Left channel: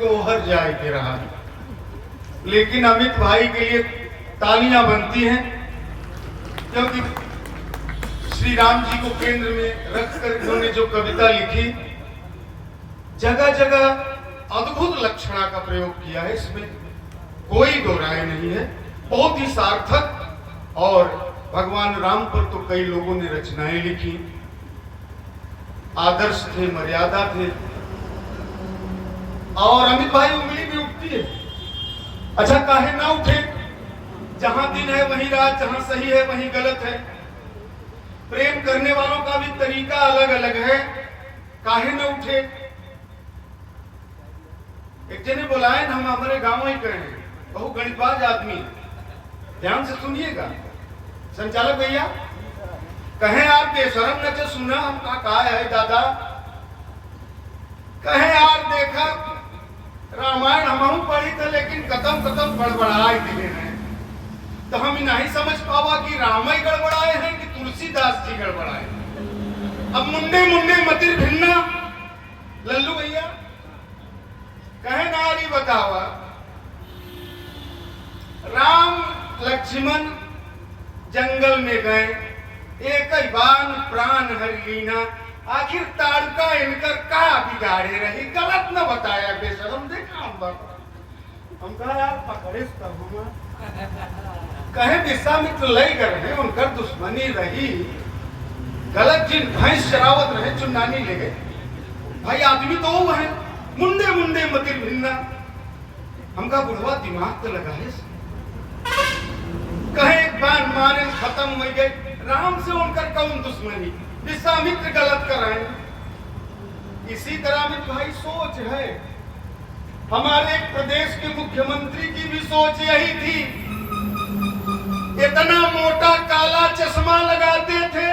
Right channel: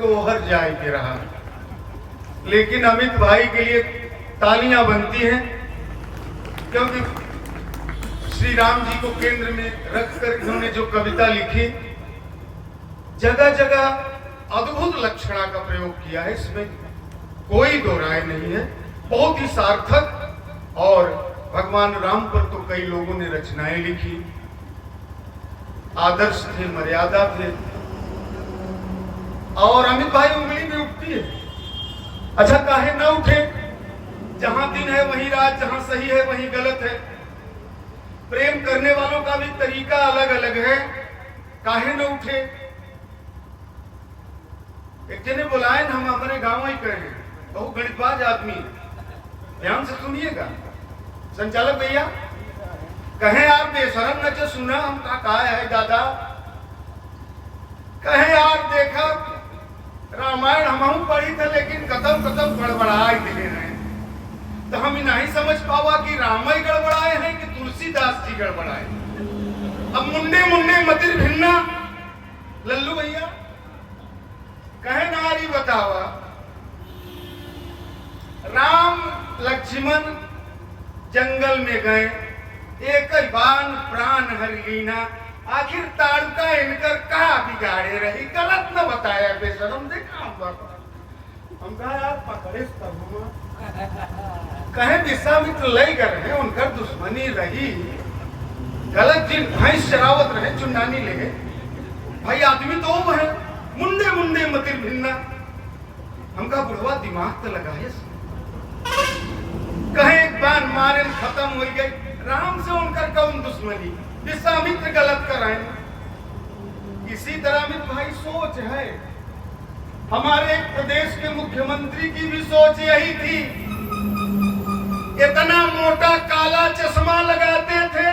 को हर जाए के रहा, लेकिन अमित भाई के लिए तालियां बनती हैं, क्योंकि श्री राम जी को केंद्र में रखकर इन्होंने जो कविता लिखी, जगह जगह अद्भुत लक्षणा का प्रयोग किया है, इसमें कोई दो राय नहीं है। बहुत ही सार्थक, और भगवान राम पर तो कई लोगों ने रचनाएं लिखी, आदर्श थे, मर्यादा थे, और अमित भाई उंगली में उठती है। अच्छा, काहे ना उठे? जहां दिन है वहीं रात, जहां सही है वहीं गलत है। प्रेम करने वालों का भी तरीका अलग अलग है, काहे न उठे? एक जने बुलाए, हम अपने गांव ही कहे, बहु गणितबाज आदमी है, ध्यान से सुनिएगा संचालक भैया, कहे आप बेशरम न सुना, हम कहा है दादा, कहे यार देखा रामायण हम पढ़ी था, लेकिन कदम कदम गड़बड़ाए दिले रहे, तो हम नहीं समझ पावा कि राम ही गड़बड़ाए हैं कि तुलसीदास जी गड़बड़ाए। अब मुंडे मुंडे मतिर भिन्ना, लल्लू भैया कहे नारी बतावा, राम लक्ष्मण जंगल में गए, एक ही बान प्राण हर लीना, आखिर ताड़का इनकर कहा बिगाड़े रही, गलत न बताया बेशरम, देखा हम कहा आप पकड़े तब कहे विश्वामित्र लई गए, उनका दुश्मनी रही, गलत जिन भैंस शरावत रहे, चुनानी ले गए। भाई आदमी तो वो है, मुंडे मुंडे मतिर भिन्ना, हमका बुढ़वा दिमाग तो लगा है। कहे एक बार मारे खत्म हो गए, राम से उनका कौन दुश्मनी, विश्वामित्र गलत कर रहे हैं। इसी तरह में भाई सोच है, हमारे प्रदेश के मुख्यमंत्री की भी सोच यही थी, इतना मोटा काला चश्मा लगाते थे,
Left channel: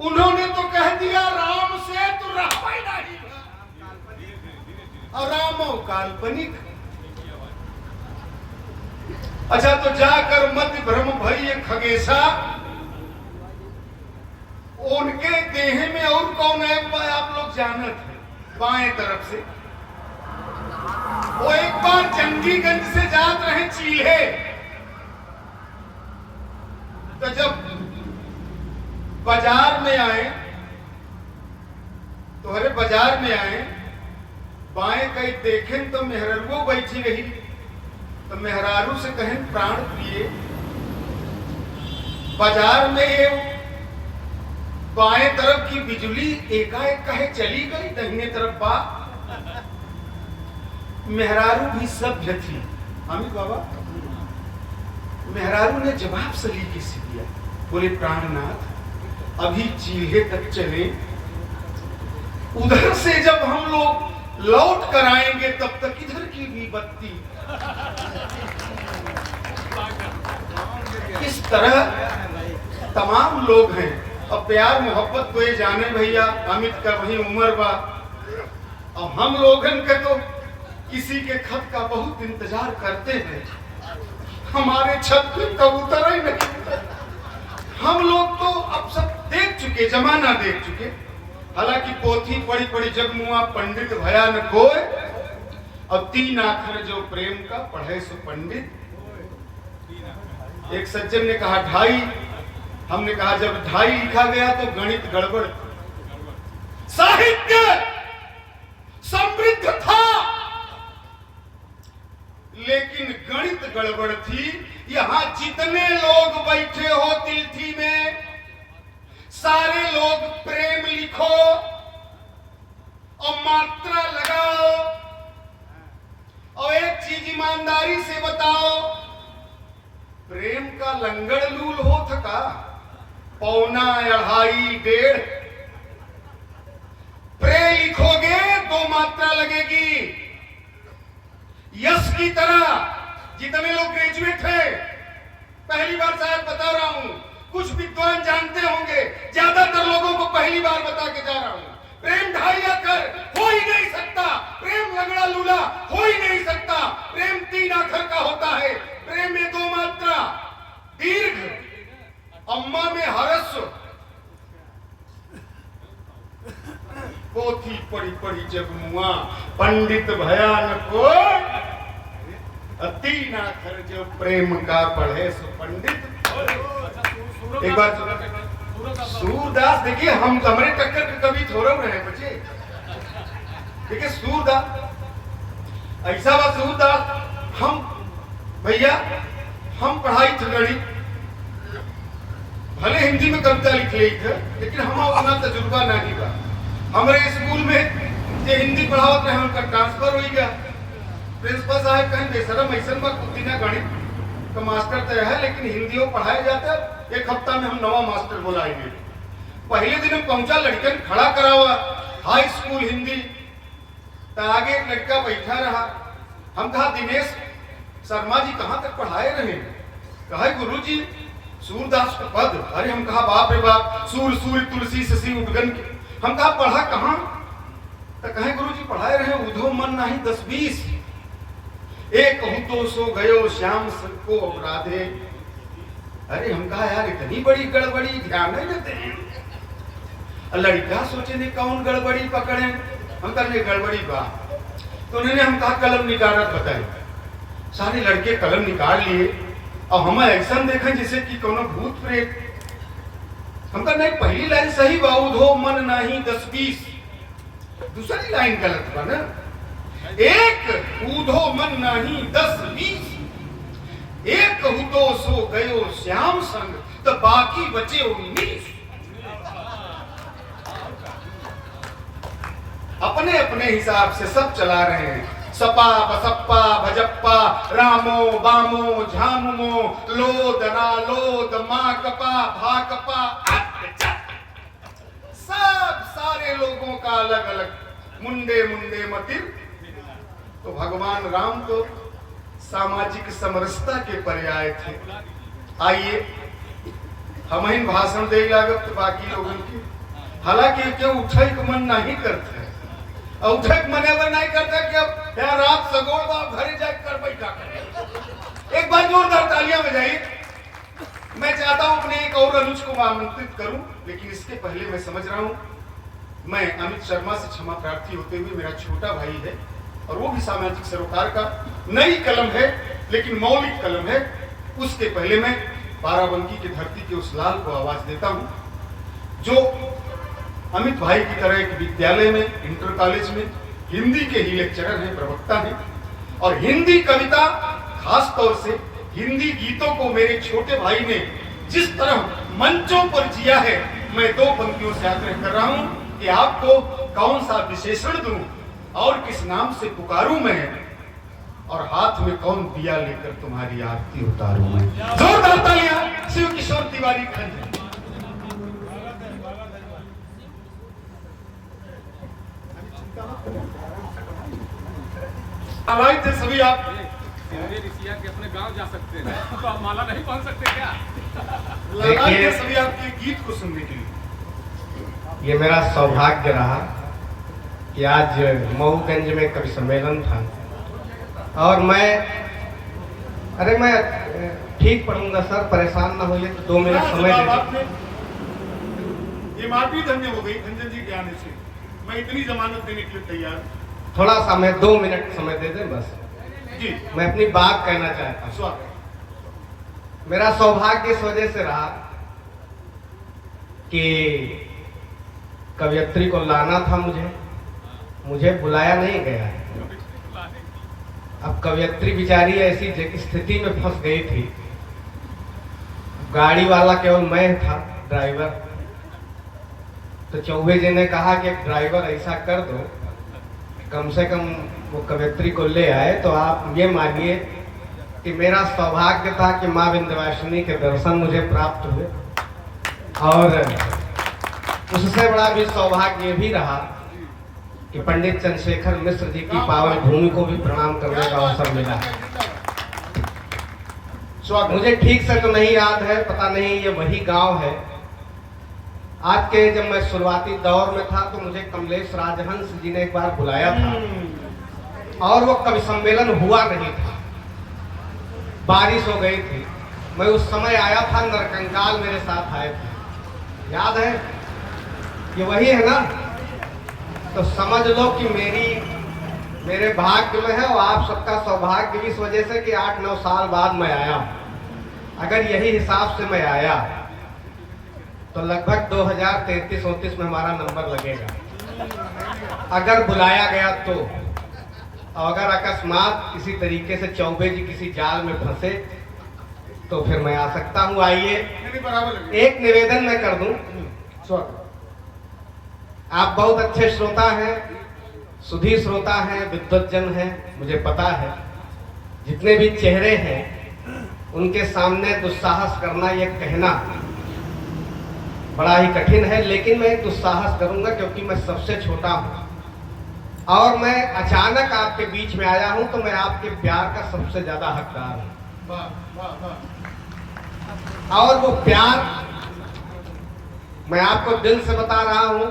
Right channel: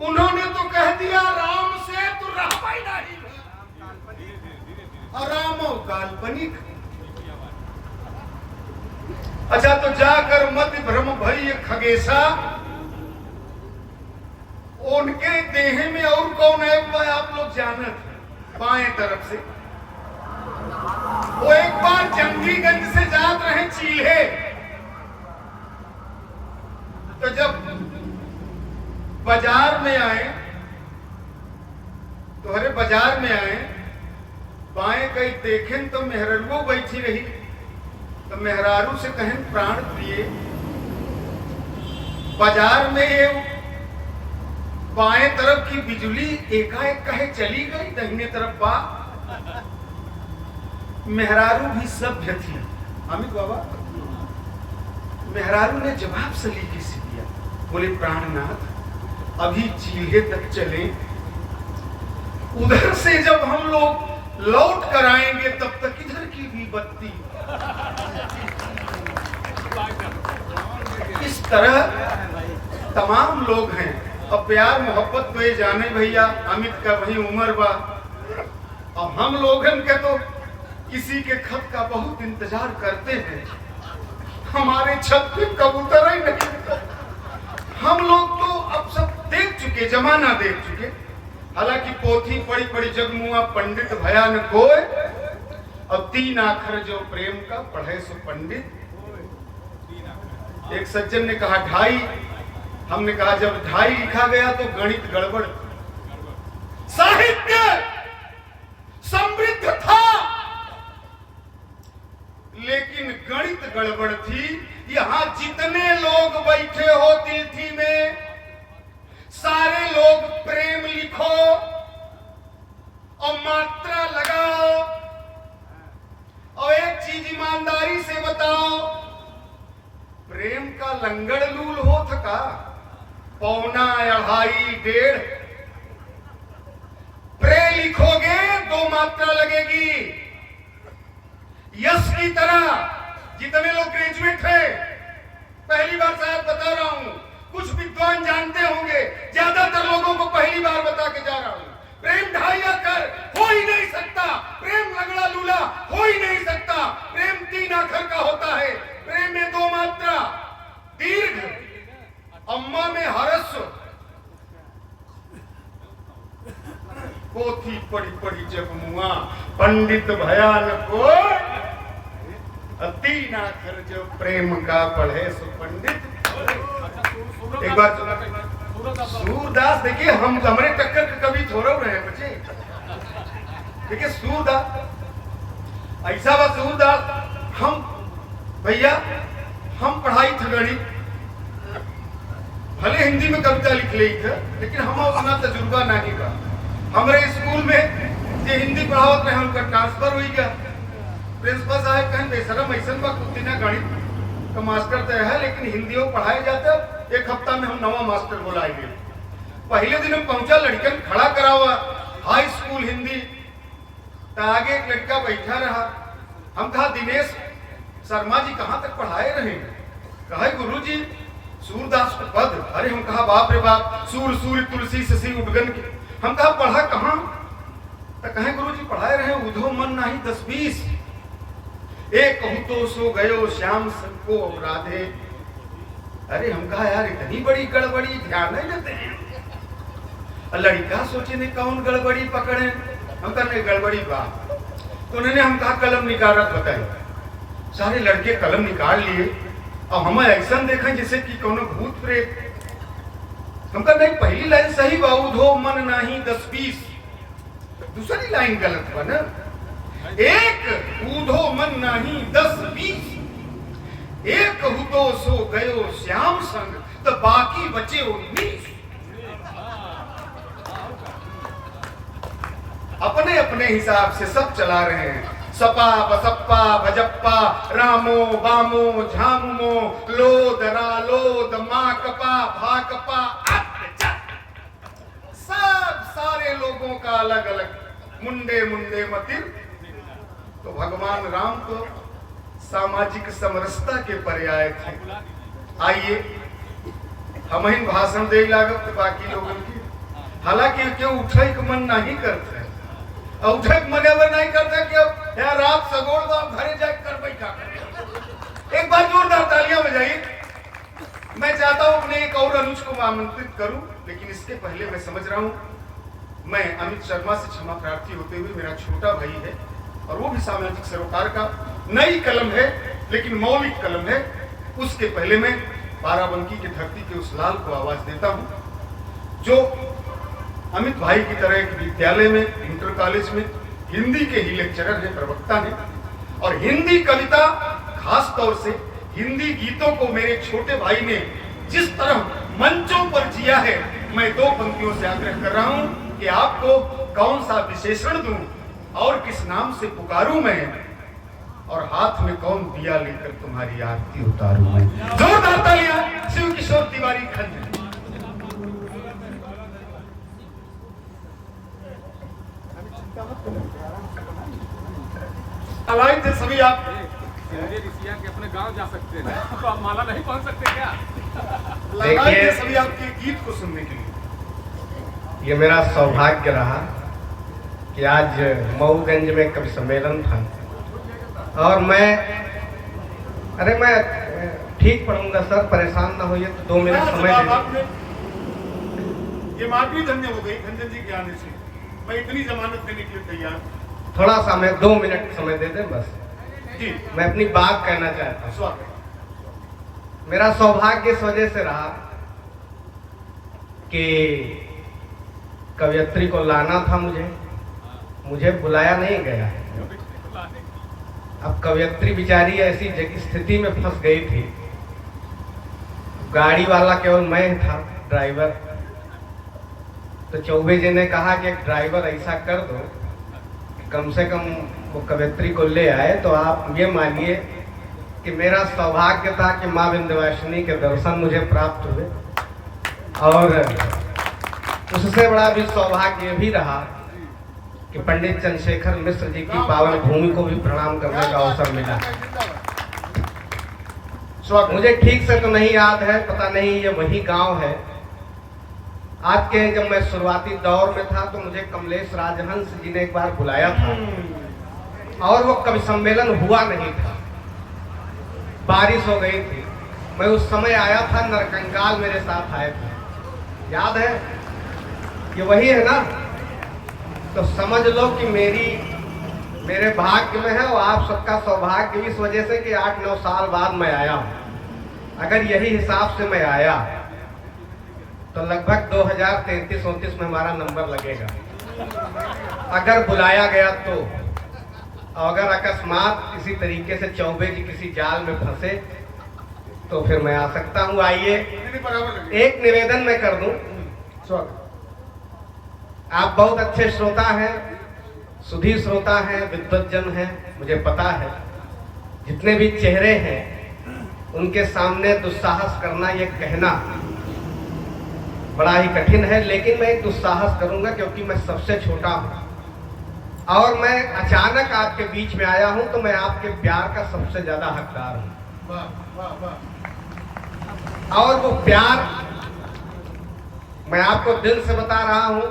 उन्होंने तो कह दिया राम से तो रहा ही नहीं, और रामो काल्पनिक। अच्छा, तो जाकर मत भ्रम भई खगेशा, उनके देह में और कौन है वह आप लोग जानत, बाएं तरफ से वो एक बार जंगीगंज से जात रहे चील्हे, तो जब बाजार में आए, तो हरे बाजार में आए, बाएं कहीं देखें तो मेहरारू बैठी रही, तो मेहरारू से कहें प्राण प्रिय, बाजार में बाएं तरफ की बिजली एकाएक कहे चली गई, दाहिने तरफ बा। मेहरारू भी सभ्य थी, अमित बाबा, मेहरारू ने जवाब सलीके से दिया, बोले प्राणनाथ अभी चील्हे तक चले, उधर से जब हम लोग लौट कर आएंगे तब तक इधर की भी बत्ती। इस तरह तमाम लोग हैं। अब प्यार मोहब्बत तो ये जाने भैया, अमित का वही उम्र बा, अब हम लोगन के तो किसी के खत का बहुत इंतजार करते हैं, हमारे छत पे कबूतर ही नहीं। हम लोग तो अब सब देख चुके, जमाना देख चुके, हालांकि पोथी पढ़ी पढ़ी जब मुआ पंडित भयानक होए, अब 3 अक्षर जो प्रेम का पढ़े सो पंडित। एक सज्जन ने कहा 2.5, हमने कहा जब 2.5 लिखा गया तो गणित गड़बड़, साहित्य समृद्ध था लेकिन गणित गड़बड़ थी। यहां जितने लोग बैठे हो तिलथी में, सारे लोग प्रेम लिखो और मात्रा लगाओ, और एक चीज ईमानदारी से बताओ, प्रेम का लंगड़ लूल हो थका 1.25 2.5 प्रे लिखोगे 2 मात्रा लगेगी। यश की तरह जितने लोग ग्रेजुएट हैं, पहली बार शायद बता रहा हूं, कुछ विद्वान जानते होंगे, ज्यादातर लोगों को पहली बार बता के जा रहा हूं, प्रेम 2.5 अक्षर हो ही नहीं सकता, प्रेम लगड़ा लूला हो ही नहीं सकता, प्रेम 3 अक्षर का होता है, प्रेम में 2 मात्रा, दीर्घ, अम्मा में हरस्व। पोथी पढ़ी पढ़ी जब मुआ पंडित भयानको अति नाखर जो प्रेम का पढ़े सुपंडित। एक बात सूरदास देखिए, हम हमारे टक्कर कभी थोड़ा रहे हैं बच्चे। देखिए सूरदास ऐसा बात, सूरदास हम भैया हम पढ़ाई थे गणित, भले हिंदी में कविता लिख ली थे, लेकिन हम अपना तजुर्बा नहीं बा। हमारे स्कूल में जो हिंदी पढ़ावत रहे उनका ट्रांसफर हो गया। प्रिंसिपल साहब कहें बेशरम ऐसा बा कुछ दिन गणित तो मास्टर तो है, लेकिन हिंदी पढ़ाया जाता, एक हफ्ता में हम नवा मास्टर बुलाएंगे। पहले दिन हम पहुंचा, लड़कन खड़ा करावा हाई स्कूल हिंदी, तो आगे एक लड़का बैठा रहा। हम कहा दिनेश शर्मा जी कहाँ तक पढ़ाए रहे? कहा गुरु जी सूरदास का पद। अरे हम कहा बाप रे बाप, सूर सूर तुलसी शशि उद्गन। हम कहा पढ़ा कहाँ? तो कहे गुरु जी पढ़ाए रहे उधो मन नहीं 10-20, एक कहूं तो सो गयो श्याम को राधे। अरे हम कहा यार इतनी बड़ी गड़बड़ी ध्यान नहीं देते हैं। लड़का सोचे नहीं कौन गड़बड़ी पकड़े, हम कहा गड़बड़ी बात। तो उन्होंने हम कहा कलम निकालत बताए। सारे लड़के कलम निकाल लिए और हमें ऐसा देखा जैसे कि कोनो भूत प्रेत। हम कहा नहीं पहली लाइन सही बा, उधो मन नहीं 10-20, दूसरी लाइन गलत बा ना। एक ऊधो मन नहीं 10-20, एक कहूं तो सो गयो श्याम संग, तो बाकी बचे 19। अपने अपने हिसाब से सब चला रहे हैं। सपा बसप्पा भजप्पा रामो बामो झामुमो लोद रालोद माँ कपा भा कपा सब सारे लोगों का अलग अलग मुंडे मुंडे मतिर। तो भगवान राम तो सामाजिक समरसता के पर्याय थे। आइए हम ही भाषण दे लागत बाकी लोगों की, हालांकि क्यों उठे का मन नहीं करते, उठे मने वो नहीं करते कि अब यार रात सगोड़ बाप घरे जाकर कर बैठा करे। एक बार जोरदार तालियां बजाइए। मैं चाहता हूं अपने एक और अनुज को आमंत्रित करूं, लेकिन इसके पहले मैं समझ रहा हूं मैं अमित शर्मा से क्षमा प्रार्थी होते हुए, मेरा छोटा भाई है और वो भी सामाजिक सरोकार का नई कलम है लेकिन मौलिक कलम है। उसके पहले मैं बाराबंकी की धरती के उस लाल को आवाज देता हूं जो अमित भाई की तरह एक विद्यालय में, इंटर कॉलेज में हिंदी के ही लेक्चरर हैं, प्रवक्ता हैं, और हिंदी कविता खास तौर से हिंदी गीतों को मेरे छोटे भाई ने जिस तरह मंचों पर जिया है, मैं 2 पंक्तियों से आग्रह कर रहा हूं कि आपको कौन सा विशेषण दूं और किस नाम से पुकारूं मैं, और हाथ में कौन दिया लेकर तुम्हारी आरती उतारूं मैं। जोरदार तालियां शिव किशोर तिवारी खंड। आवाज थे सभी आप ऋषिया के अपने गांव जा सकते हैं तो आप माला नहीं पहन सकते क्या? देखिए सभी आपके गीत को सुनने के लिए ये मेरा सौभाग्य रहा कि आज मऊगंज में कवि सम्मेलन था और मैं ठीक पढ़ूंगा सर, परेशान ना होइए, तो 2 मिनट समय दीजिए। ये माटी धन्य हो गई धनजन जी के आने से, मैं इतनी जमानत देने के लिए तैयार। थोड़ा सा मैं 2 मिनट समय दे दें बस जी। मैं अपनी बात कहना चाहता हूँ। मेरा सौभाग्य इस वजह से रहा कि कवियत्री को लाना था, मुझे बुलाया नहीं गया। अब कवियत्री बेचारी ऐसी स्थिति में फंस गई थी, गाड़ी वाला केवल मैं था ड्राइवर। तो चौबे जी ने कहा कि ड्राइवर ऐसा कर दो कम से कम वो कवियत्री को ले आए। तो आप ये मानिए कि मेरा सौभाग्य था कि माँ विंध्यवासिनी के दर्शन मुझे प्राप्त हुए, और उससे बड़ा भी सौभाग्य भी रहा कि पंडित चंद्रशेखर मिश्र जी की पावन भूमि को भी प्रणाम करने का अवसर मिला। मुझे ठीक से तो नहीं याद है, पता नहीं ये वही गांव है। आज के जब मैं शुरुआती दौर में था तो मुझे कमलेश राजहंस जी ने एक बार बुलाया था और वो कवि सम्मेलन हुआ नहीं था, बारिश हो गई थी। मैं उस समय आया था, नरकंकाल मेरे साथ आए थे, याद है? ये वही है ना? तो समझ लो कि मेरी मेरे भाग्य में है और आप सबका सौभाग्य इस वजह से कि 8-9 साल बाद मैं आया। अगर यही हिसाब से मैं आया तो लगभग 2033-34 में हमारा नंबर लगेगा अगर बुलाया गया तो। अगर अकस्मात किसी तरीके से चौबे जी किसी जाल में फंसे तो फिर मैं आ सकता हूँ। आइए एक निवेदन मैं कर दूं। आप बहुत अच्छे श्रोता हैं, सुधी श्रोता हैं, विद्वत जन हैं, मुझे पता है। जितने भी चेहरे हैं उनके सामने दुस्साहस करना, ये कहना बड़ा ही कठिन है, लेकिन मैं दुस्साहस करूंगा क्योंकि मैं सबसे छोटा हूं और मैं अचानक आपके बीच में आया हूं, तो मैं आपके प्यार का सबसे ज्यादा हकदार हूं। और वो प्यार मैं आपको दिल से बता रहा हूं।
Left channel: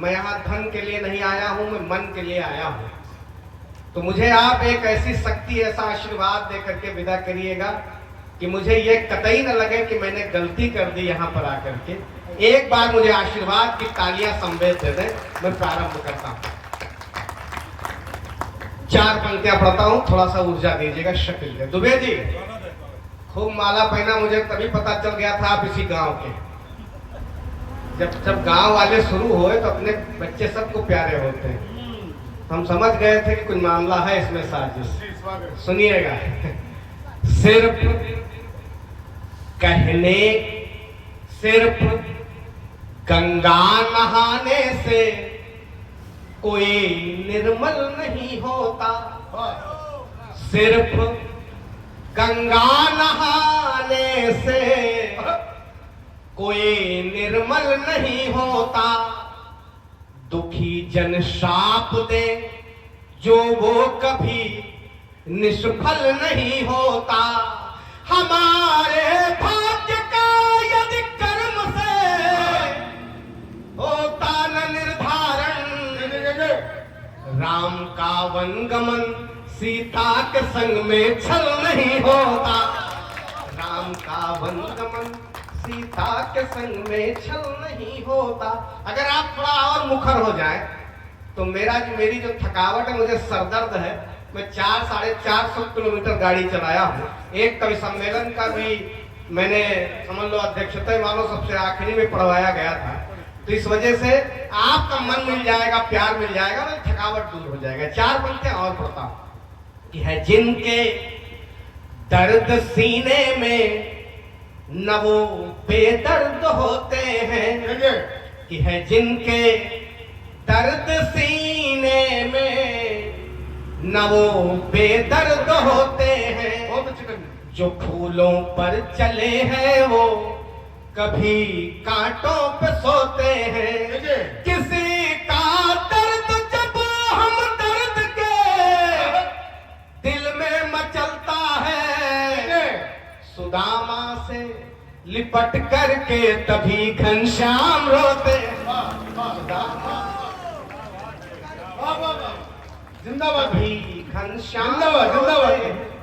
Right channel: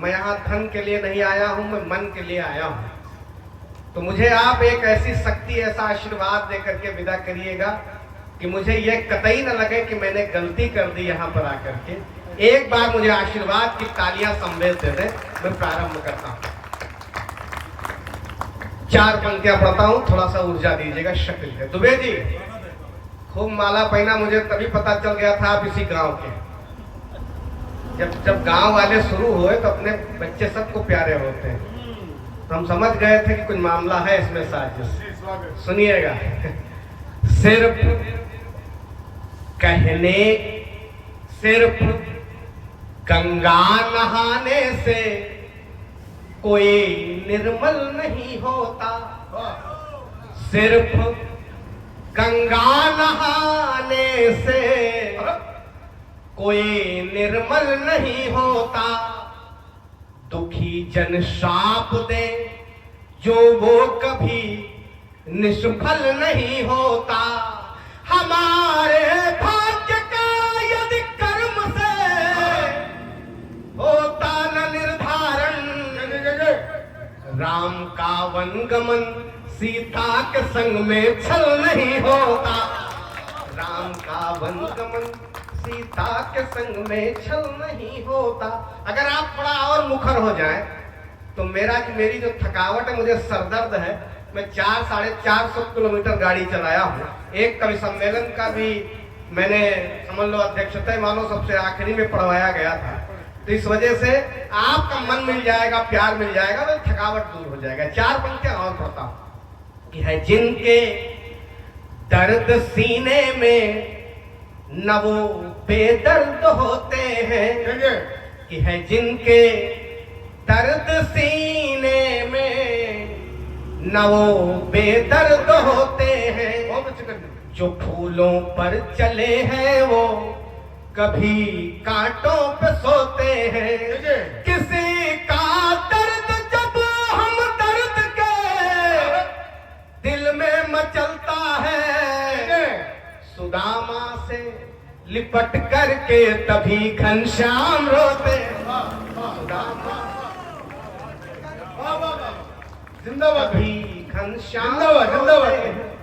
मैं यहाँ धन के लिए नहीं आया हूं, मैं मन के लिए आया हूं। तो मुझे आप एक ऐसी शक्ति, ऐसा आशीर्वाद दे करके विदा करिएगा कि मुझे ये कतई न लगे कि मैंने गलती कर दी यहाँ पर आकर के। एक बार मुझे आशीर्वाद की तालियां संवेद दे दें, मैं प्रारंभ करता हूँ। 4 पंक्तियां पढ़ता हूँ, थोड़ा सा ऊर्जा दीजिएगा। शक्ल है दुबे जी, खूब माला पहना, मुझे तभी पता चल गया था आप इसी गांव के। जब गांव वाले शुरू हुए तो अपने बच्चे सबको प्यारे होते हैं। हम समझ गए थे कि कुछ मामला है इसमें साजिश। सुनिएगा। सिर्फ कहने, सिर्फ गंगा नहाने से कोई निर्मल नहीं होता। सिर्फ गंगा नहाने से कोई निर्मल नहीं होता। दुखी जन शाप दे जो वो कभी निष्फल नहीं होता। हमारे भाग्य का यदि कर्म से होता न निर्धारण, राम का वनगमन सीता के संग में छल नहीं होता। राम का वनगमन सीता के संग में छल नहीं होता। अगर आप थोड़ा और मुखर हो जाए तो मेरी जो थकावट है, मुझे सरदर्द है, मैं 400-450 किलोमीटर गाड़ी चलाया हूँ। एक कवि सम्मेलन का भी मैंने समझ लो अध्यक्षता मानो सबसे आखिरी में पढ़वाया गया था। तो इस वजह से आपका मन मिल जाएगा, प्यार मिल जाएगा, तो थकावट दूर हो जाएगा। 4 पंक्तियां और पढ़ता हूँ कि है जिनके दर्द सीने में न वो बेदर्द होते हैं, कि है जिनके दर्द सीने में न वो बेदर्द होते हैं। जो फूलों पर चले हैं वो कभी कांटों पे सोते हैं। किसी का दर्द जब हम दर्द के दिल में मचलता है, सुदामा से लिपट करके तभी घनश्याम रोते। जिंदाबाद भी घनश्याम।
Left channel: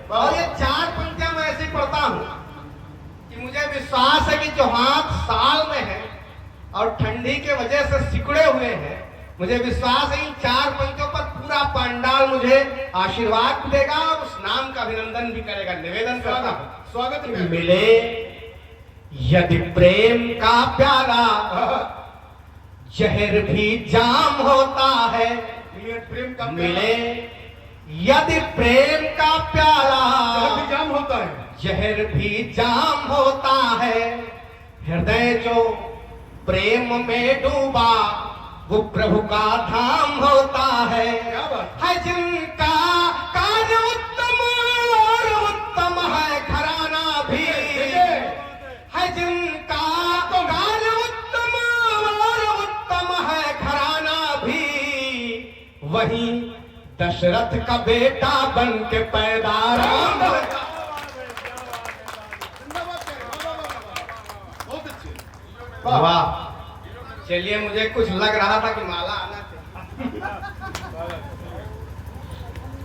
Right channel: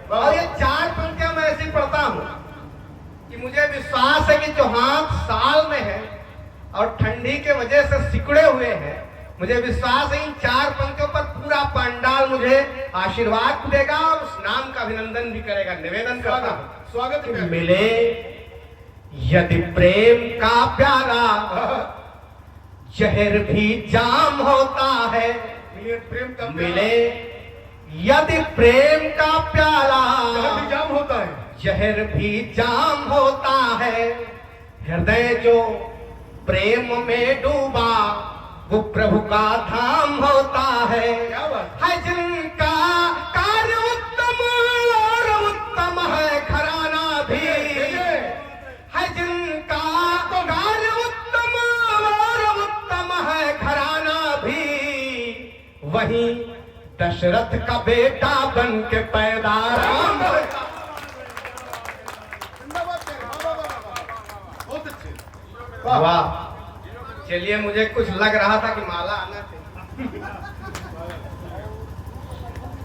और ये 4 पंक्तियां मैं ऐसी पढ़ता हूँ कि मुझे विश्वास है कि जो हाथ साल में है और ठंडी के वजह से सिकुड़े हुए हैं, मुझे विश्वास है इन 4 पंक्तियों पर पूरा पंडाल मुझे आशीर्वाद देगा और उस नाम का अभिनंदन भी करेगा। निवेदन करता हूँ, स्वागत मिले यदि प्रेम का प्यारा जहर भी जाम होता है। प्रेम का मिले यदि प्रेम का प्यारा जाम होता है, जहर भी जाम होता है। हृदय जो प्रेम में डूबा वो प्रभु का धाम होता है। जिनका कार्य उत्तम और उत्तम है घराना भी, है जिनका कार्य उत्तम और उत्तम है घराना भी, वही दशरथ का बेटा बन के पैदा राम। वाह, चलिए मुझे कुछ लग रहा था कि माला आना चाहिए।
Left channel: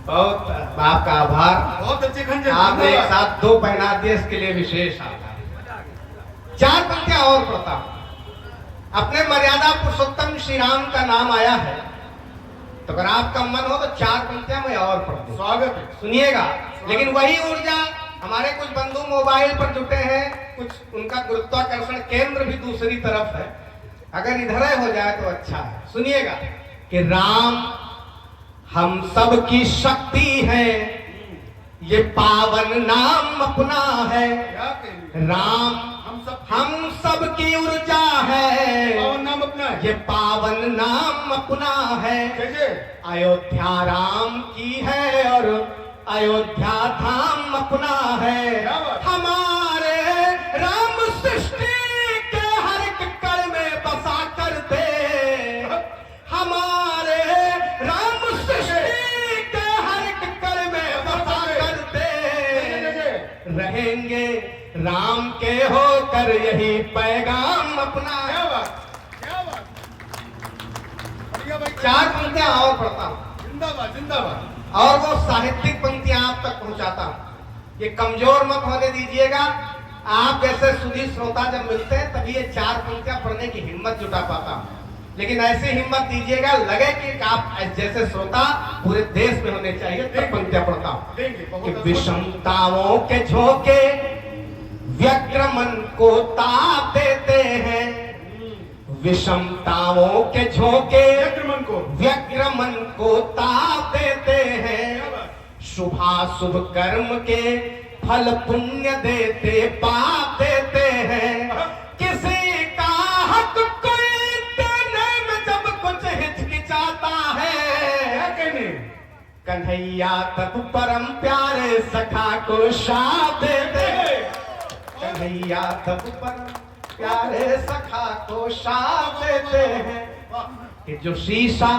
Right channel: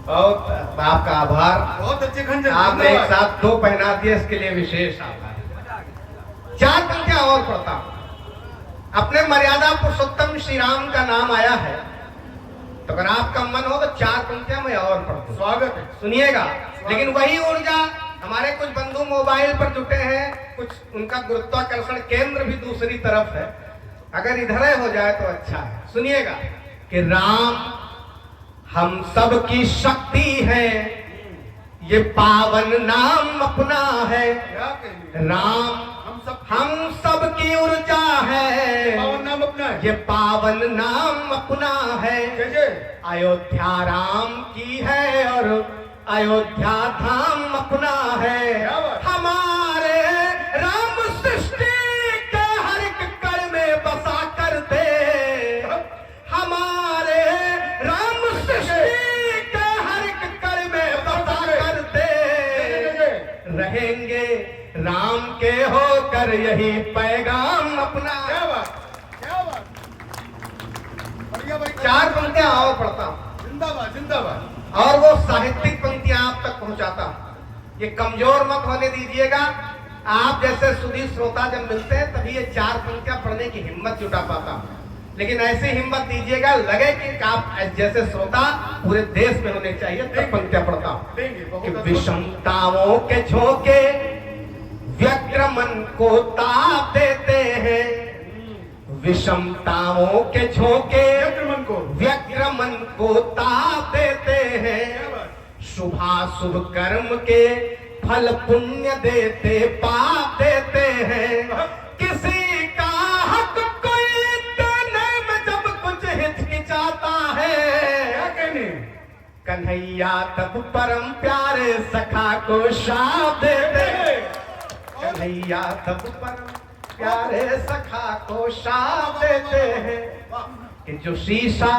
बहुत आपका आभार, बहुत अच्छे खंड आपने एक साथ 2 पहना दिए, इसके लिए विशेष आभार। 4 पंक्तियां और पढ़ता हूं। अपने मर्यादा पुरुषोत्तम श्री राम का नाम आया है तो अगर आपका मन हो तो 4 पंक्तियां मैं और पढ़ दूं। स्वागत है। सुनिएगा। लेकिन वही ऊर्जा हमारे कुछ बंधु मोबाइल पर जुटे हैं, कुछ उनका गुरुत्वाकर्षण केंद्र भी दूसरी तरफ है, अगर इधर हो जाए तो अच्छा है। सुनिएगा कि राम हम सब की शक्ति है, ये पावन नाम अपना है। क्या कहेंगे? राम हम सब की ऊर्जा है, पावन नाम अपना है। ये पावन नाम अपना है। जय अयोध्या राम की है और अयोध्या धाम अपना है। हमारे राम सृष्टि के हर एक कण में बसा करते, हमारे राम सृष्टि के हर एक कण में बसा करते, रहेंगे राम के होकर यही पैगाम अपना। क्या बात, क्या बात। बढ़िया भाई। 4 पंक्तियां और पढ़ता हूं जिंदाबाद जिंदाबाद। और वो साहित्यिक पंक्तियां आप तक पहुंचाता हूं। ये कमजोर मत होने दीजिएगा। आप जैसे सुधी श्रोता जब मिलते हैं तभी ये 4 पंक्तियां पढ़ने की हिम्मत जुटा पाता हूं। लेकिन ऐसी हिम्मत दीजिएगा लगे कि आप जैसे श्रोता पूरे देश में होने चाहिए, तब पंक्तियां पढ़ता हूं। कि विषमताओं के झोंके व्यग्र मन को ताप देते हैं, विषमताओं के झोंके व्यग्र मन को ताप देते हैं, शुभाशुभ कर्म के फल पुण्य देते पाप देते हैं। किसी का हक कोई देने में जब कुछ हिचकिचाता है, कन्हैया तब परम प्यारे सखा को शाप देते हैं, कन्हैया तब परम प्यारे सखा को शाप देते हैं। कि जो शीशा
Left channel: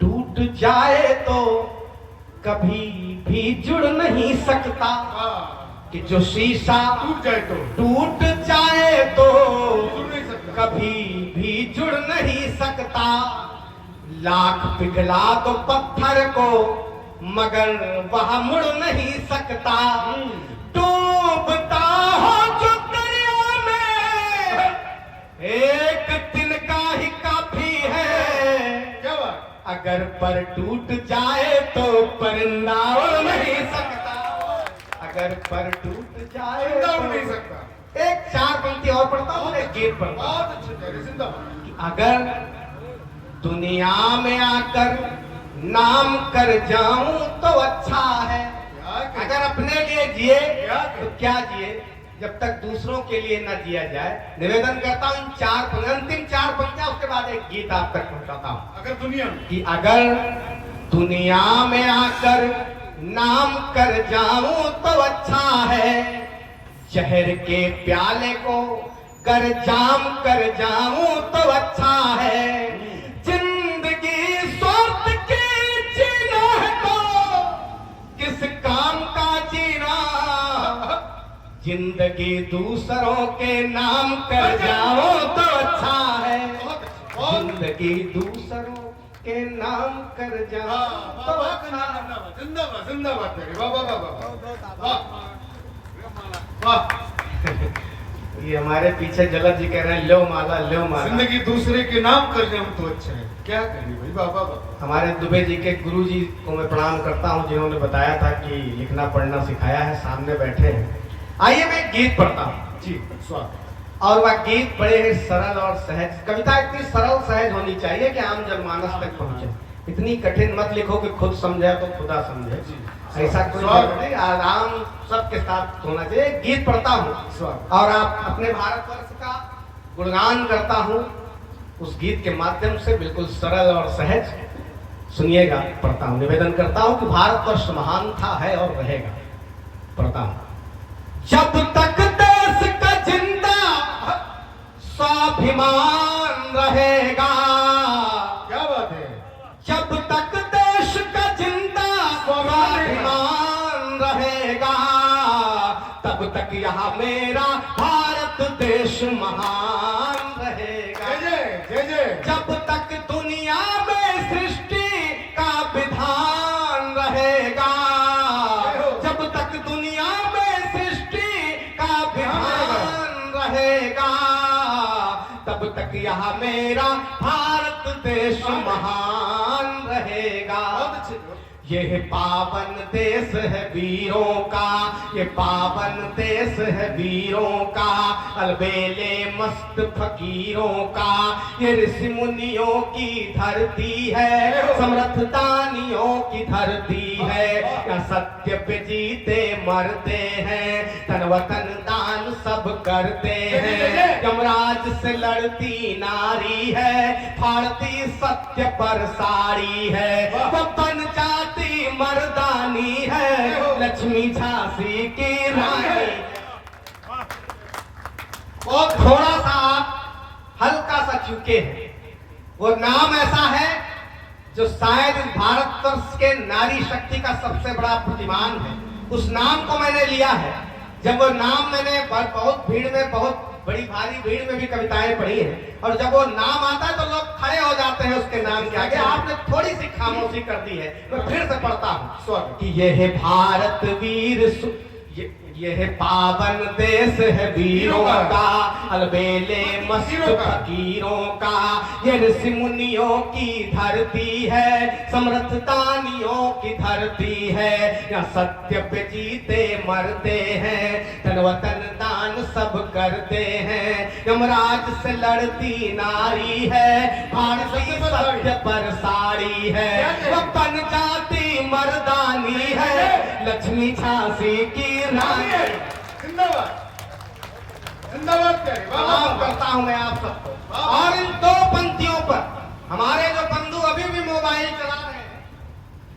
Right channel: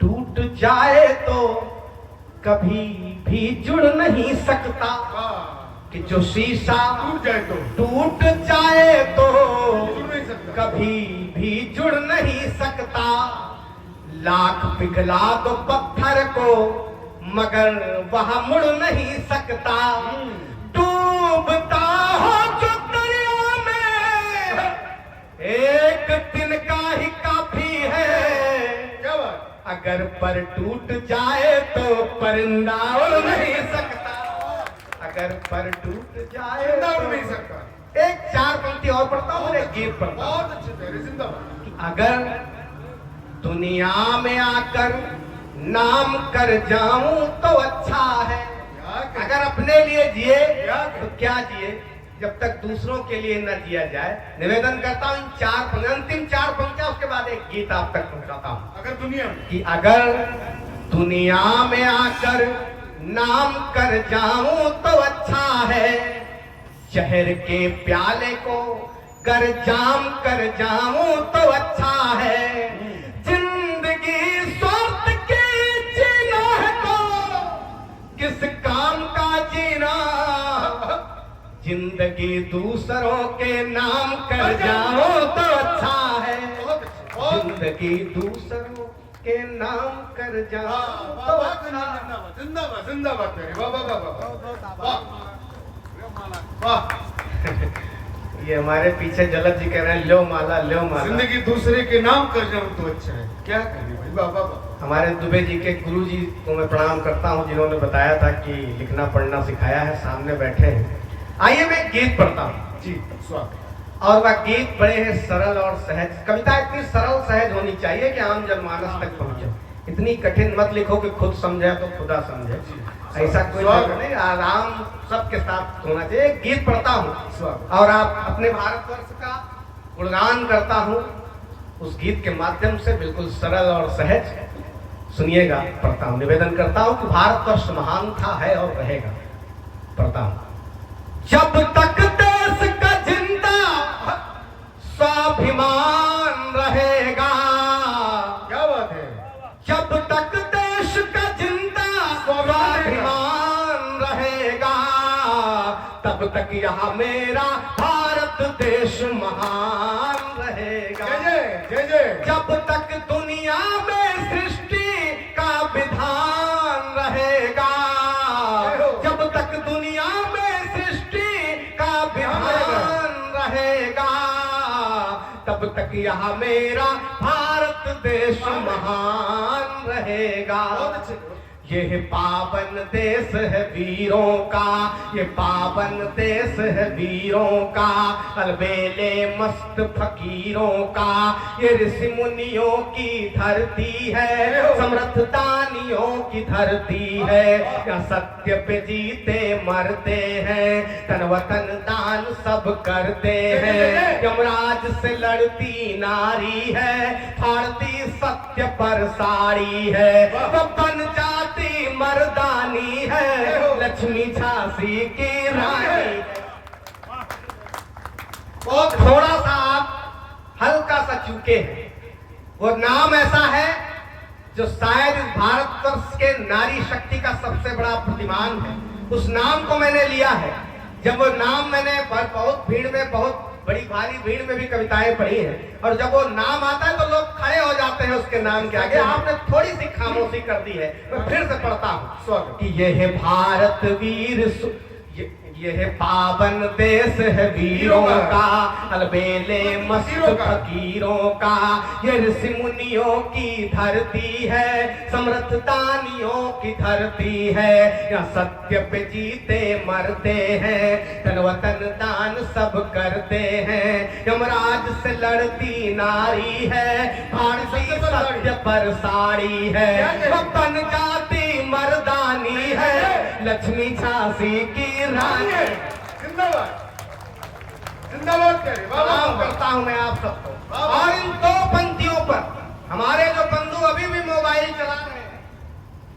टूट जाए तो कभी भी जुड़ नहीं सकता, कि जो शीशा टूट जाए तो कभी भी जुड़ नहीं सकता। लाख पिघला दो पत्थर को मगर वह मुड़ नहीं सकता। डूबता हो जो दरिया में एक तिनका ही काफी है, अगर पर टूट जाए तो परिंदा उड़ नहीं सकता, अगर पर टूट जाए उड़ नहीं सकता। एक 4 पंक्ति और पढ़ता हूँ, एक गीत पढ़ता हूँ। बहुत अच्छे मेरे जिंदाबाद। अगर दुनिया में आकर नाम कर जाऊं तो अच्छा है, अगर अपने लिए जिए तो क्या जिए, जब तक दूसरों के लिए न जिया जाए। निवेदन करता हूं अंतिम 4 पंक्तियां, उसके बाद एक गीत आप तक पहुंचाता हूं। अगर दुनिया में कि अगर दुनिया में आकर नाम कर जाऊं तो अच्छा है, जहर के प्याले को कर जाम कर जाऊं तो अच्छा है। जिंदगी स्वार्थ की जीना है तो किस काम का जीना, जिंदगी दूसरों के नाम कर जाओ तो अच्छा है, जिंदगी दूसरों के नाम कर जाओ तो अच्छा। जिंदाबाद जिंदाबाद मेरे। वाह वाह वाह वाह वाह। ये हमारे पीछे जलद जी कह रहे हैं लो माला लो माला। जिंदगी दूसरे के नाम कर जाऊं तो अच्छा है, क्या करें भाई। वाह वाह वाह। हमारे दुबे जी के गुरु जी को मैं प्रणाम करता हूँ, जिन्होंने बताया था कि लिखना पढ़ना सिखाया है, सामने बैठे हैं। आइए मैं गीत पढ़ता हूँ जी। स्वागत। और वह गीत बड़े ही सरल और सहज। कविता इतनी सरल सहज होनी चाहिए कि आम जनमानस तक पहुंचे। इतनी कठिन मत लिखो कि खुद समझे तो खुदा समझे, ऐसा कोई नहीं। आराम सबके साथ होना चाहिए। गीत पढ़ता हूँ और आप अपने भारतवर्ष का गुणगान करता हूँ उस गीत के माध्यम से, बिल्कुल सरल और सहज। सुनिएगा, पढ़ता हूँ। निवेदन करता हूँ कि भारतवर्ष महान था, है और रहेगा। पढ़ता हूँ। जब तक देश का जिंदा स्वाभिमान रहेगा, क्या बात है। जब तक देश का जिंदा स्वाभिमान रहेगा, तब तक यहाँ मेरा भारत देश महान रहेगा। जय जय। जब तक दुनिया में सृष्टि का विधान रहेगा, जब तक दुनिया में सृष्टि का विधान रहेगा, तब तक यहाँ मेरा भारत देश महान रहेगा। बहुत अच्छे। ये पावन देश है वीरों का, ये पावन देश है वीरों का, अलबेले मस्त फकीरों का, ये ऋषि मुनियों की धरती है, समर्थ दानियों की धरती है, या सत्य पे जीते मरते हैं, तन वतन दान सब करते हैं, यमराज से लड़ती नारी है, फाड़ती सत्य पर साड़ी है, वो बन जाती मर्दानी है, लक्ष्मी झांसी की रानी। वो थोड़ा सा हल्का सा चूके हैं, वो नाम ऐसा है जो शायद भारतवर्ष के नारी शक्ति का सबसे बड़ा प्रतिमान है। उस नाम को मैंने लिया है। जब वो नाम मैंने बहुत भीड़ में, बहुत बड़ी भारी भीड़ में भी कविताएं पढ़ी हैं, और जब वो नाम आता है तो लोग खड़े हो जाते हैं उसके नाम के आगे। आपने थोड़ी सी खामोशी कर दी है, मैं फिर से पढ़ता हूँ कि ये है भारत वीर ये है पावन देश है वीरों का, अलबेले मस्त फकीरों का, ये ऋषि मुनियों की धरती है, समर्थ दानियों की धरती है, या सत्य पे जीते मरते हैं, तन वतन दान सब करते हैं, यमराज से लड़ती नारी है, फाड़ती सत्य पर साड़ी है, बन जाती मर्दानी है, लक्ष्मी झांसी की रानी। जिंदाबाद जिंदाबाद करिए। सलाम करता हूं मैं आप सबको। और इन दो पंक्तियों पर हमारे जो बंधु अभी भी मोबाइल चला रहे हैं,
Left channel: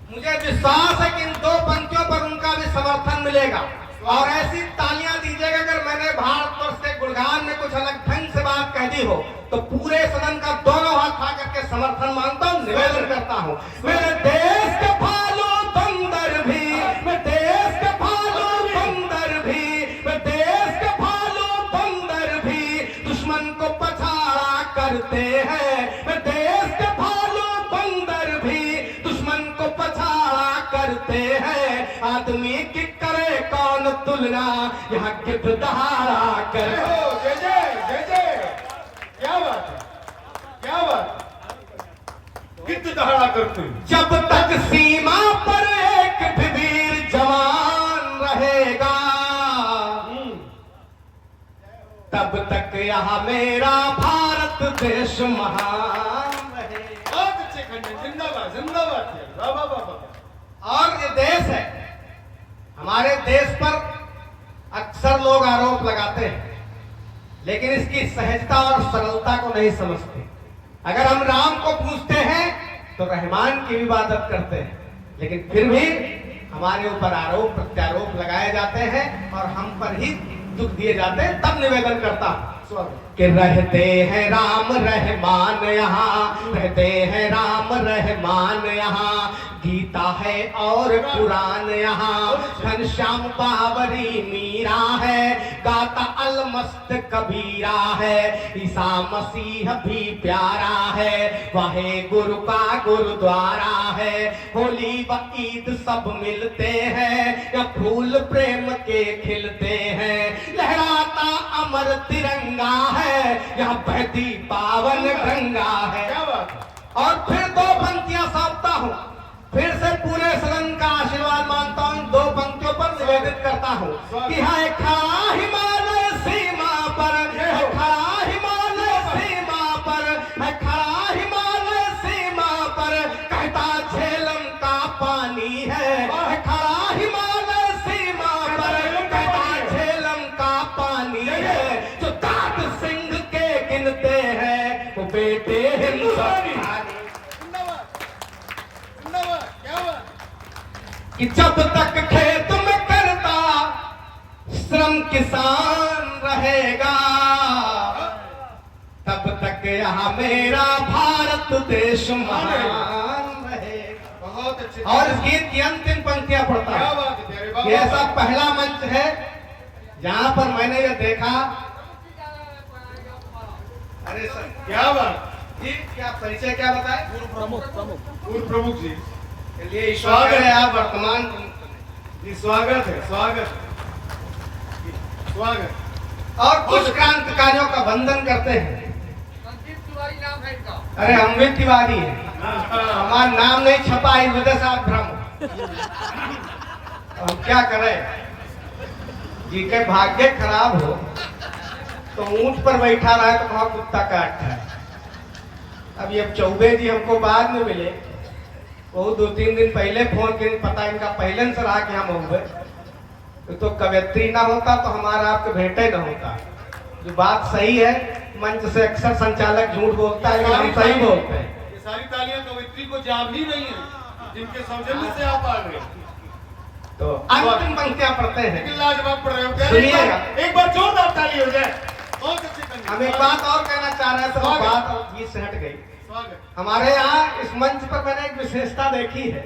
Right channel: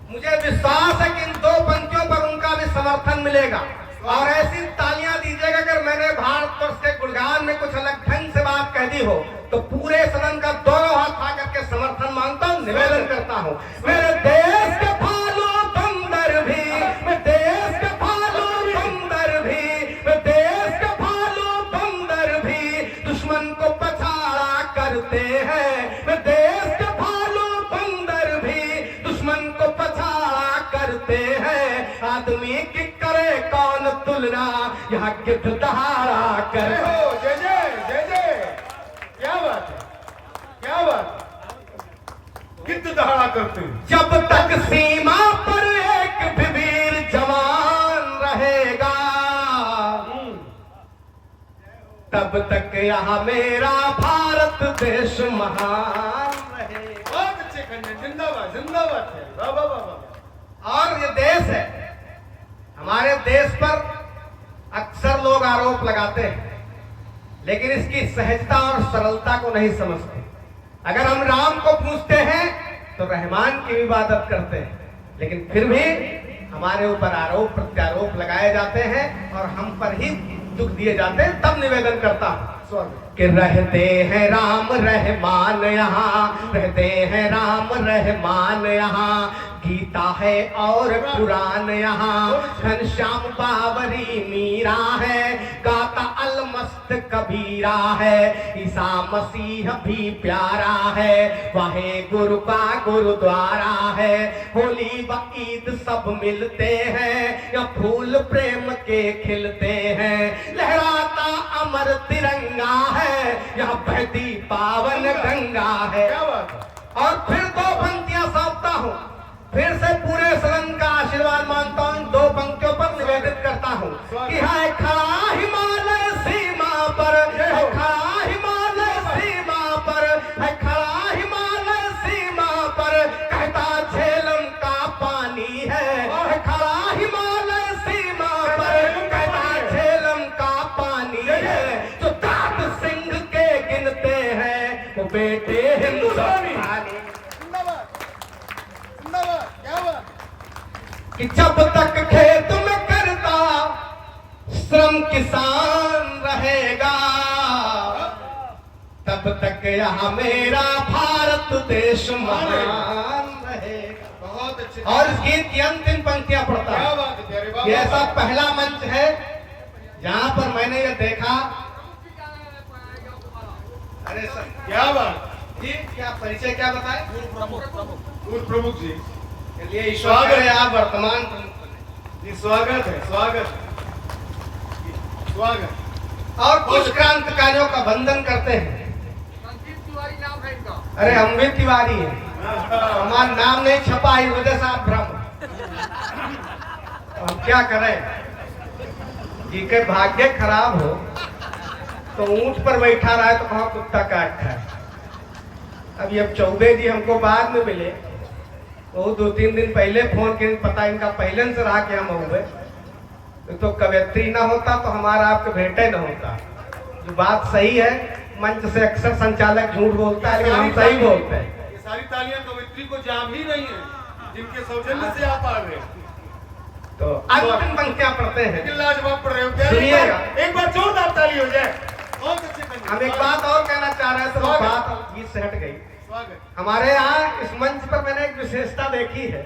मुझे विश्वास है कि इन दो पंक्तियों पर उनका भी समर्थन मिलेगा, और ऐसी तालियां दीजिएगा। अगर मैंने भारतवर्ष के गुणगान में कुछ अलग ढंग से बात कह दी हो तो पूरे सदन का दोनों हाथ उठा करके समर्थन मांगता हूं, निवेदन करता हूं। मेरे देश के भालू बंदर भी, मेरे देश के भालू बंदर भी, मेरे देश के भालू बंदर भी दुश्मन को पछाड़ा करते हैं, मेरे देश के भालू बंदर भी दुश्मन को पछाड़ा करते हैं, आदमी की करे कौन तुलना, यहाँ गिद्ध दहाड़ा कर। जय जय जय जय। क्या बात है, क्या बात है। गिद्ध दहाड़ा करते हैं। जब तक सीमा पर एक भी वीर जवान रहेगा, तब तक यहाँ मेरा भारत देश महान रहेगा। बहुत अच्छे खंडे। जिंदाबाद जिंदाबाद। वाह वाह वाह वाह। और ये देश है, हमारे देश पर अक्सर लोग आरोप लगाते हैं, लेकिन इसकी सहजता और सरलता को नहीं समझते। अगर हम राम को पूजते हैं तो रहमान की इबादत करते हैं, लेकिन फिर भी हमारे ऊपर आरोप प्रत्यारोप लगाए जाते हैं और हम पर ही दुख दिए जाते हैं। तब निवेदन करता हूं कि रहते हैं राम रहमान यहाँ, रहते हैं राम रहमान यहाँ, गीता है और पुराण यहाँ, घनश्याम बावरी मीरा है, गाता अलमस्त कबीरा है, ईसा मसीह भी प्यारा है, वाहे गुरु का गुरुद्वारा है, होली व ईद सब मिलते हैं, या फूल प्रेम के खिलते हैं, लहराता अमर तिरंगा है, यहाँ बहती पावन गंगा है। और फिर दो पंक्तियां सौंपता हूँ, फिर से पूरे सदन का आशीर्वाद मांगता हूँ। इन दो पंक्तियों पर निवेदित करता हूँ कि है खड़ा हिमालय सीमा पर, है खड़ा हिमालय सीमा पर, है खड़ा हिमालय सीमा पर, कहता झेलम का पानी है खड़ा हिमालय सीमा पर, कहता झेलम का पानी है, जो तात सिंह के गिनते हैं वो बेटे हिंदुस्तानी। कि जब तक खेत में करता श्रम किसान रहेगा, तब तक यहाँ मेरा भारत देश महान रहेगा। बहुत अच्छे। और इस गीत की अंतिम पंक्तियां पढ़ता क्या हूं। बात है प्यारे बाबा। ये ऐसा पहला मंच है जहां पर मैंने ये देखा। अरे सर क्या बात जी, क्या परिचय क्या बताए? पूर्व प्रमुख जी। चलिए स्वागत है, आप वर्तमान प्रमुख बने। जी स्वागत है, स्वागत स्वागत। और कुछ क्रांतिकारियों का वंदन करते हैं। संदीप तिवारी नाम है इनका। अरे हम भी तिवारी है, हमारा नाम नहीं छपा, इस वजह से आप भ्रम। अब क्या करें, जी के भाग्य खराब हो तो ऊंट पर बैठा रहा है तो वहां कुत्ता काटता है। अब ये चौबे जी हमको बाद में मिले, वो 2-3 दिन पहले फोन किए, पता इनका पहले से रहा कि हम हुए तो कवियत्री ना होता तो हमारा आपके भेंटे ना होता। जो बात सही है, मंच से अक्सर संचालक झूठ बोलता है, हम सही बोलते हैं। ये सारी तालियां कवित्री को जा भी रही हैं, जिनके सौजन्य से आप आ गए। तो अंतिम पंक्तियां पढ़ते हैं, लेकिन लाजवाब पढ़ रहे हो, क्या सुनिएगा। एक बार जोरदार ताली हो जाए। बहुत अच्छे कविता। हम एक बात और कहना चाह रहे थे, वो बात बीच से हट गई। स्वागत। हमारे यहाँ इस मंच पर मैंने एक विशेषता देखी है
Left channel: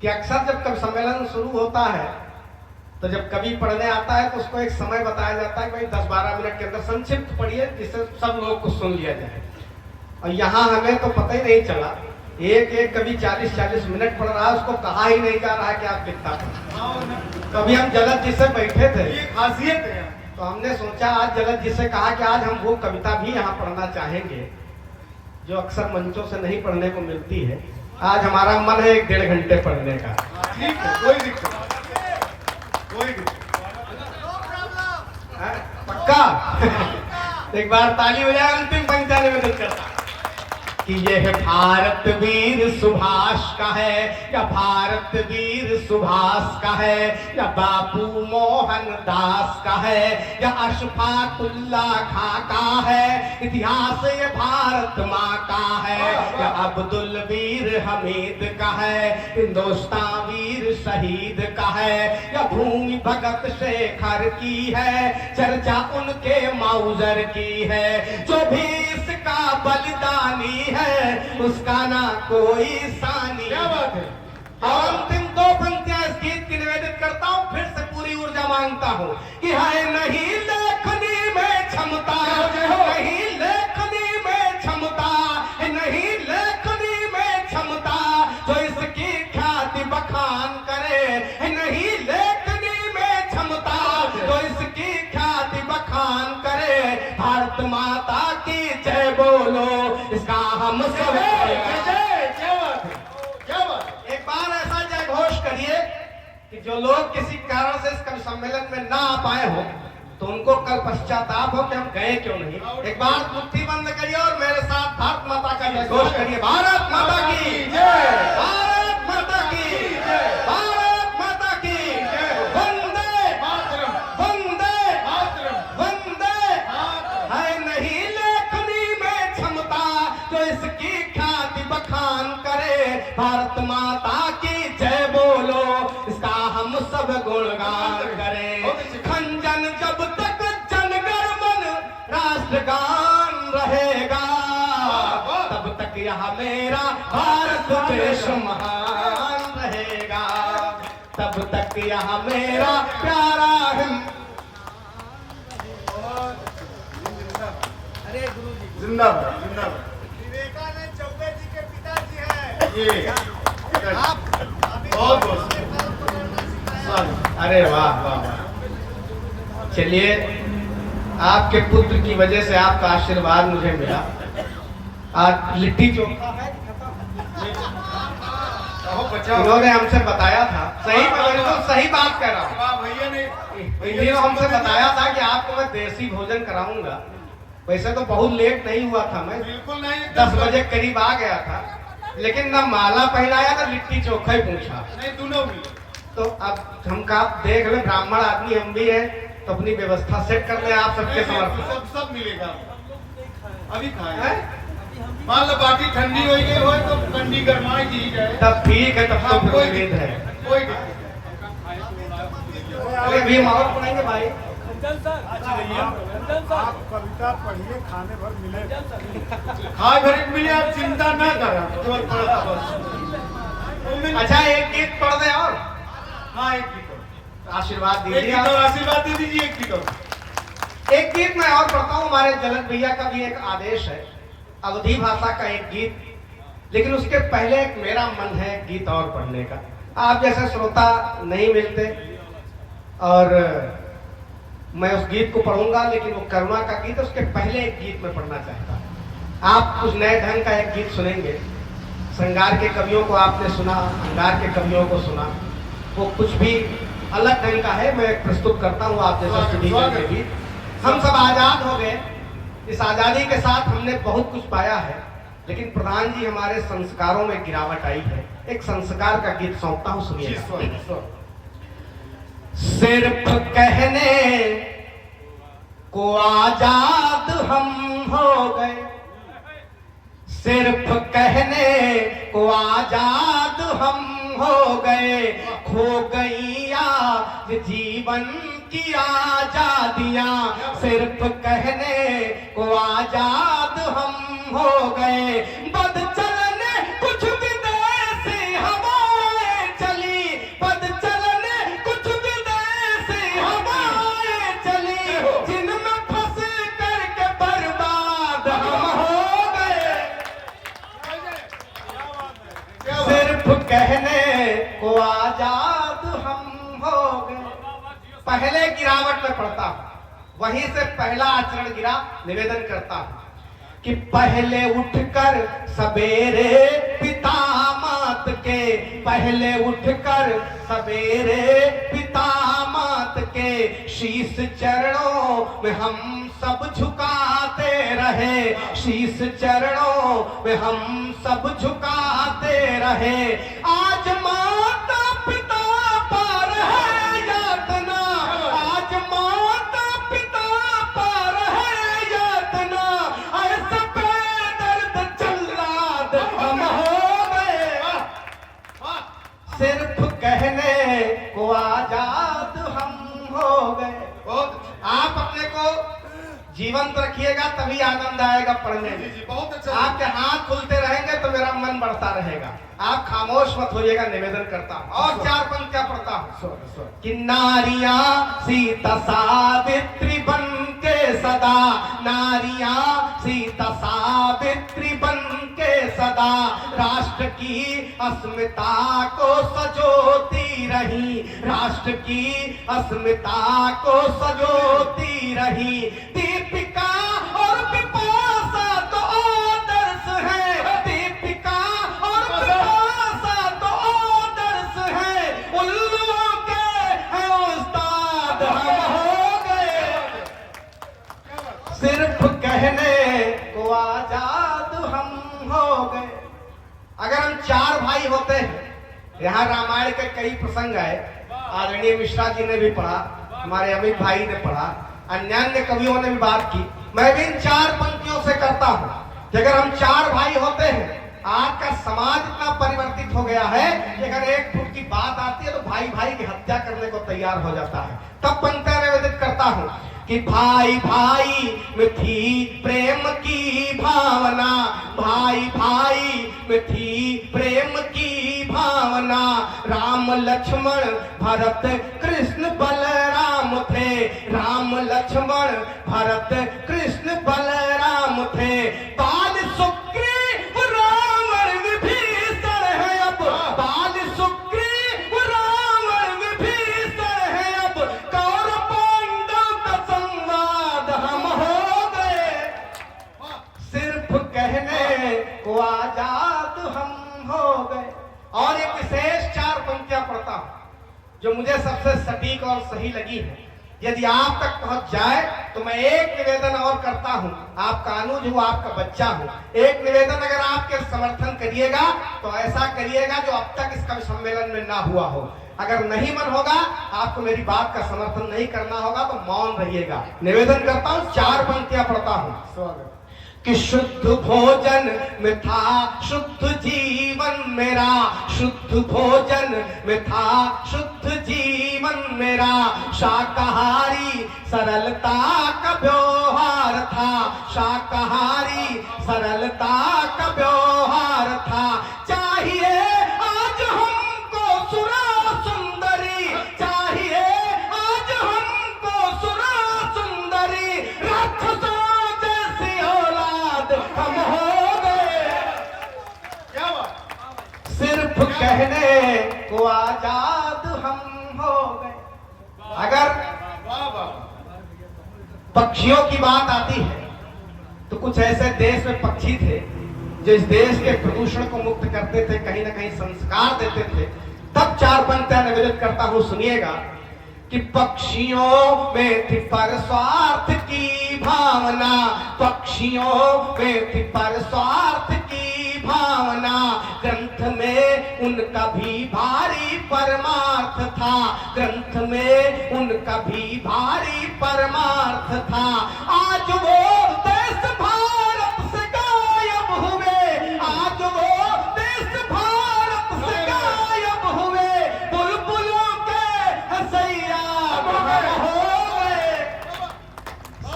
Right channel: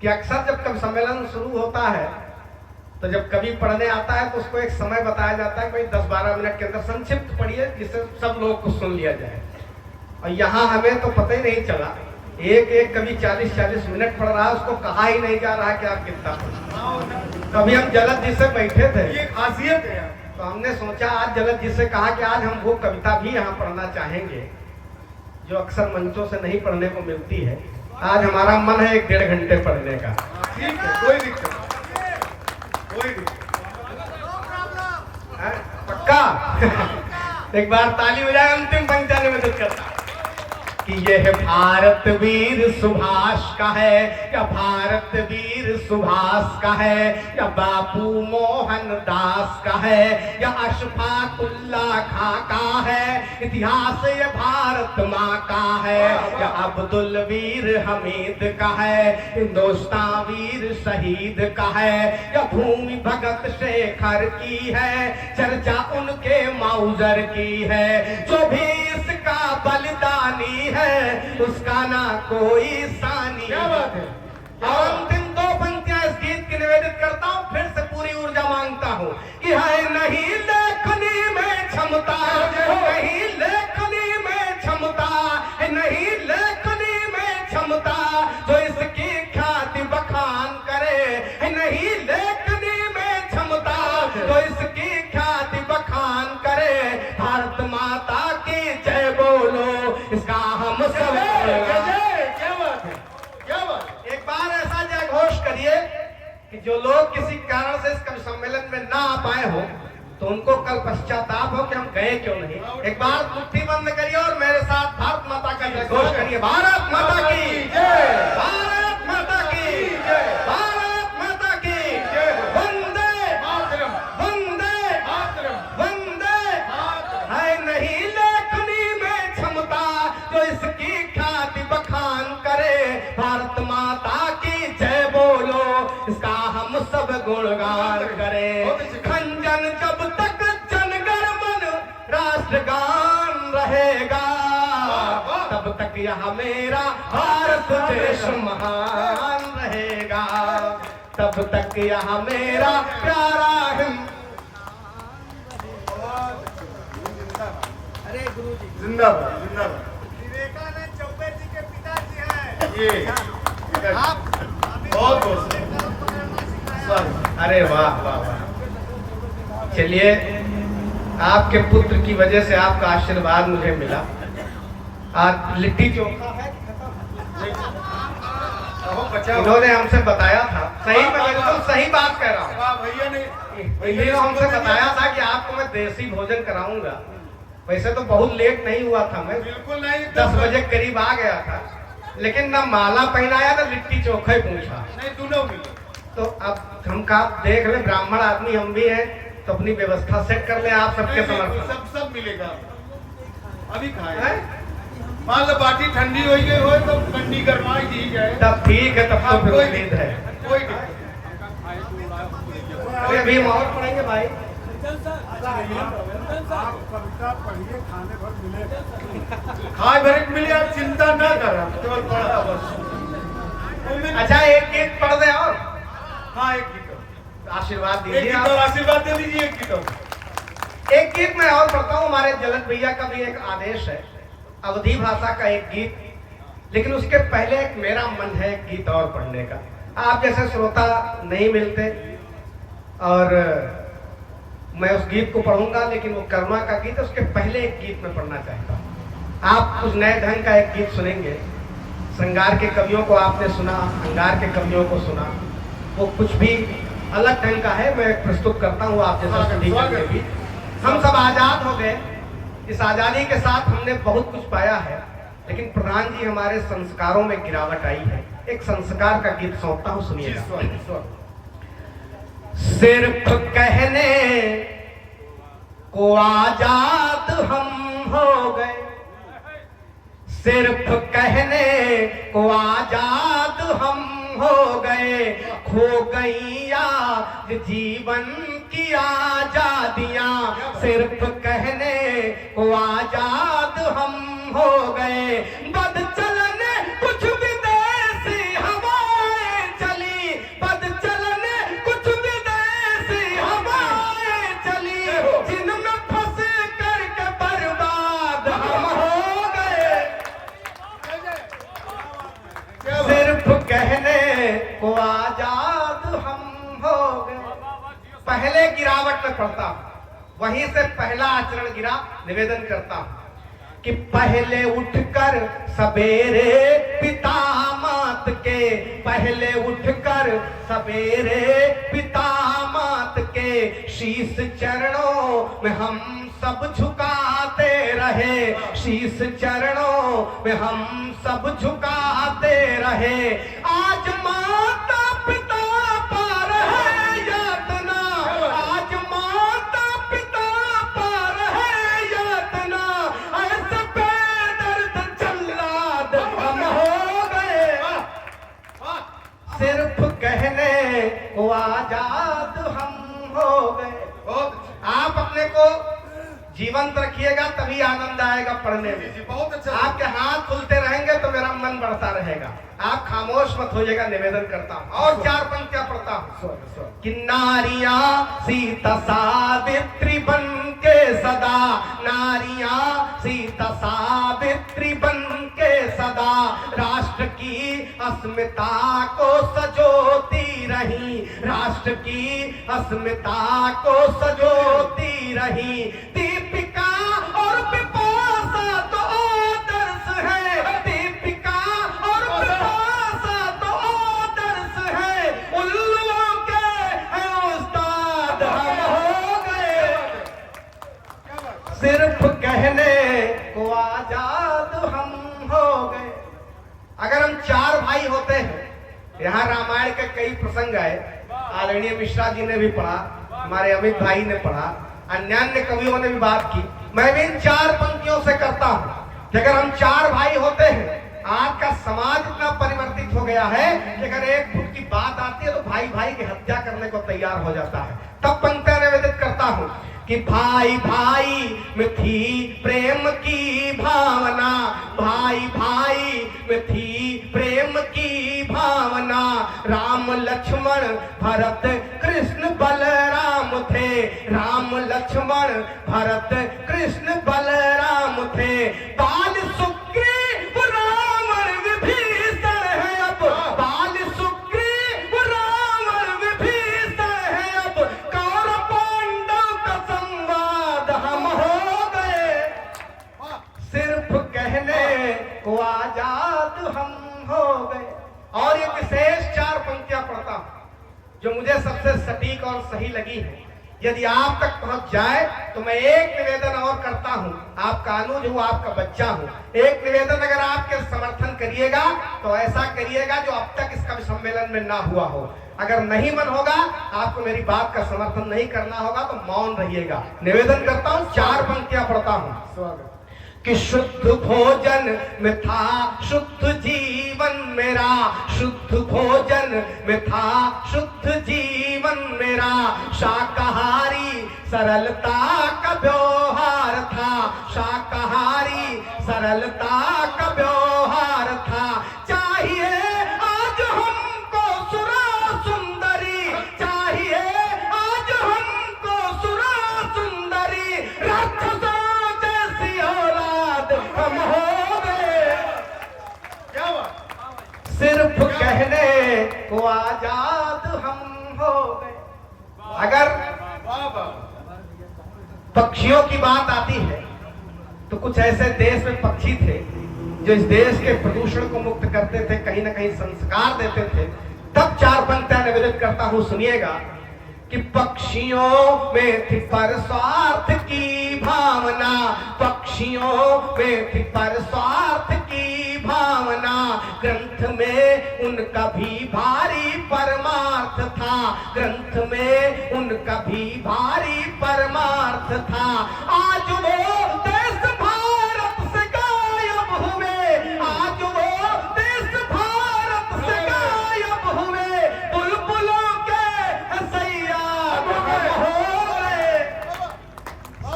कि अक्सर जब कवि सम्मेलन शुरू होता है तो जब कवि पढ़ने आता है तो उसको एक समय बताया जाता है कि भाई 10-12 मिनट के अंदर संक्षिप्त पढ़िए जिससे सब लोग को सुन लिया जाए। और यहाँ हमें तो पता ही नहीं चला, एक कवि 40-40 मिनट पढ़ रहा है, उसको कहा ही नहीं जा रहा है कि आप कितना पढ़ें। तो अभी हम जलद जी से बैठे थे, ये खासियत है। तो हमने सोचा आज जलद जी से कहा कि आज हम वो कविता भी यहाँ पढ़ना चाहेंगे जो अक्सर मंचों से नहीं पढ़ने को मिलती है। आज हमारा मन है 1-1.5 घंटे पढ़ने का। ठीक है, कोई दिक्कत कोई दिक्कत। पक्का एक बार ताली हो जाए, अंतिम पंक्ति में मदद करता कि यह भारत वीर सुभाष का है या भारत वीर सुभाष का है या बापू मोहन दास का है या अशफाकुल्ला खां का है, इतिहास ये भारत माँ का है या अब्दुल वीर हमीद का है, हिंदुस्तान वीर शहीद का है या भूमि भगत शेखर की है, चर्चा उनके मौजर की है, जो भी इसका बलिदानी है उसका ना कोई सानी। क्या बात है। और अंतिम 2 पंक्तियां इस गीत की निवेदित करता हूँ, फिर से पूरी ऊर्जा मांगता हूँ कि है नहीं लेखनी में क्षमता, नहीं लेखनी में क्षमता, नहीं लेखनी में क्षमता, जो इसकी ख्याति बखान करे, नहीं लेखनी में क्षमता, जो इसकी ख्याति बखान करे, भारत माता की जय बोलो, इसका हम सब एक बार ऐसा जय घोष करिए कि जो लोग किसी कारण से इस कवि सम्मेलन में ना आ पाए हो तो उनको कल पश्चाताप हो कि हम गए क्यों नहीं। एक बार मुट्ठी बंद करिए और मेरे साथ भारत माता का जय घोष करिए। भारत माता की जय, भारत माता की जय, भारत माता की जय, वंदे मातरम, वंदे मातरम, वंदे मातरम। है नहीं लेखनी में क्षमता, जो इसकी ख्याति बखान करे, भारत माता की जय बोलो, इसका हम सब गुणगान करें। खंजन जब तक जनगण मन राष्ट्रगान रहेगा, तब तक यह मेरा भारत देश महान रहेगा, तब तक यह मेरा प्यारा अरे गुरु जी जिंदाबाद जिंदाबाद। विवेकानंद चौबे जी के पिताजी है ये आप। बहुत बहुत स्वागत। अरे वाह वाह, चलिए आपके पुत्र की वजह से आपका आशीर्वाद मुझे मिला। आज लिट्टी चोखा है कि खत्म? उन्होंने हमसे बताया था, सही तो सही बात कह रहा हूँ। वाह भैया ने इन्होंने हमसे बताया था कि आपको मैं देसी भोजन कराऊंगा। वैसे तो बहुत लेट नहीं हुआ था, मैं बिल्कुल नहीं 10 बजे करीब आ गया था, लेकिन ना माला पहनाया था, लिट्टी चोखा ही पूछा। नहीं तू ना मिले। तो अब हम का देख रहे ब्राह्मण आदमी हम भी हैं, तो अपनी व्यवस्था सेट कर ले आप सबके समर्थ। सब मिलेगा अभी खाए। मान लो पार्टी ठंडी हो गई हो तो ठंडी गरमाई की जाए, तब ठीक है, तब तो फिर कोई उम्मीद है। कोई दिक्कत अभी हम और पढ़ेंगे भाई। आप कविता पढ़िए, खाने भर मिलेगा। खाए भरे मिले, आप चिंता न करना। अच्छा एक गीत पढ़ दे और हाँ एक गीत आशीर्वाद एक दीजिए गीत आप। आशीर्वाद दे दीजिए। एक गीत एक गीत मैं और पढ़ता हूँ, हमारे जलद भैया का भी एक आदेश है, अवधी भाषा का एक गीत, लेकिन उसके पहले एक मेरा मन है गीत और पढ़ने का। आप जैसे श्रोता नहीं मिलते और मैं उस गीत को पढ़ूंगा, लेकिन वो करुणा का गीत है, उसके पहले एक गीत मैं पढ़ना चाहता हूँ। आप कुछ नए ढंग का एक गीत सुनेंगे। श्रृंगार के कवियों को आपने सुना, श्रृंगार के कवियों को सुना, वो कुछ भी अलग ढंग का है। मैं प्रस्तुत करता हूँ आप जैसा में भी। हम सब आजाद हो गए, इस आजादी के साथ हमने बहुत कुछ पाया है, लेकिन प्रधान जी हमारे संस्कारों में गिरावट आई है। एक संस्कार का गीत सौंपता हूँ, सुनिए। सिर्फ कहने को आजाद हम हो गए, सिर्फ कहने को आजाद हम हो गए, खो गई आज जीवन की आजादियां, सिर्फ कहने को आजाद हम हो गए। बद चलने कुछ विदेशी हवाएं चली, बद चलने कुछ विदेशी हवाएं चली, जिनमें फंस करके बर्बाद हम हो गए। सिर्फ कहने को आजाद हम हो गए। पहले गिरावट में पड़ता हूं, वहीं से पहला आचरण गिरा। निवेदन करता हूं कि पहले उठकर सवेरे पिता मात के, पहले उठकर सवेरे पिता मात के शीश चरणों में हम सब झुकाते रहे, शीश चरणों में हम सब झुकाते रहे। आज माता पिता पर है यातना, आज माता पिता पर है यातना, ऐसे बेदर्द जल्लाद हम हो गए। सिर्फ कहने को आजाद हम हो गए। आप अपने को जीवंत रखिएगा, तभी आनंद आएगा पढ़ने में। बहुत अच्छा। आपके हाथ खुलते रहेंगे तो मेरा मन बढ़ता रहेगा। आप खामोश मत होइएगा, निवेदन करता हूँ। और 4 पंक्तियां पढ़ता हूँ कि नारियां सीता सावित्री बन के सदा, नारियां सीता सावित्री बन के सदा, राष्ट्र की अस्मिता को सजोती रही, राष्ट्र की अस्मिता को सजोती रही। दीपिका और पिपासा तो आदर्श है, दीपिका और पिपासा तो आदर्श है, उल्लुओं के है उस्ताद हम हो गए। सिर्फ कहने को आजाद हम हो गए। अगर हम 4 भाई होते हैं, यहाँ रामायण के कई प्रसंग आए, आदरणीय मिश्रा जी ने भी पढ़ा, हमारे अमित भाई ने पढ़ा, अन्य कवियों ने भी बात की। मैं भी इन 4 पंक्तियों से करता हूँ कि अगर हम 4 भाई होते हैं, आज का समाज इतना परिवर्तित हो गया है कि अगर 1 फुट की बात आती है तो भाई भाई की हत्या करने को तैयार हो जाता है। तब पंक्तियां निवेदित करता हूँ कि भाई भाई में थी प्रेम की भावना, भाई भाई में थी प्रेम की भावना, राम लक्ष्मण भरत कृष्ण बलराम थे, राम लक्ष्मण भरत कृष्ण बलराम थे। बाल सुग्रीव रावण विभीषण है अब, बाल सुग्रीव रावण विभीषण है अब, कौरव पांडव का संवाद हम हो गए। सिर्फ कहने को आजाद हम हो गए। और एक विशेष 4 पंक्तियां पढ़ता हूं जो मुझे सबसे सटीक और सही लगी है। यदि आप तक पहुंच जाए तो मैं एक निवेदन और करता हूं। आपका अनुज हूं, आपका बच्चा हूं। एक निवेदन अगर आपके समर्थन करिएगा तो ऐसा करिएगा जो अब तक इस कवि सम्मेलन में ना हुआ हो। अगर नहीं मन होगा, आपको मेरी बात का समर्थन नहीं करना होगा तो मौन रहिएगा। निवेदन करता हूं, 4 पंक्तियां पढ़ता हूं कि शुद्ध भोजन में था शुद्ध जीवन मेरा, शुद्ध भोजन में था शुद्ध जीवन मेरा, शाकाहारी सरलता का व्यवहार था, शाकाहारी सरलता का व्यवहार था। चाहिए आज हमको सुरा सुंदरी, चाहिए आज हमको सुरा सुंदरी, राक्षसों जैसी औलाद हम हो गए। क्या बात। सिर्फ कहने को आजाद हम हो गए। अगर वाह वाह। पक्षियों की बात आती है तो कुछ ऐसे देश में पक्षी थे जो इस देश के प्रदूषण को मुक्त करते थे, कहीं ना कहीं संस्कार देते थे। तब 4 पंक्तियां निवेदित करता हूं, सुनिएगा कि पक्षियों में थी पर स्वार्थ की भावना, पक्षियों में थी पर स्वार्थ की भावना, ग्रंथ में उनका भी भारी परमार्थ था, ग्रंथ में उनका भी भारी परमार्थ था। आज वो देश भारत से गायब हुए, आज वो देश भारत से गायब हुए, बुलबुलों के हसैया हो गए,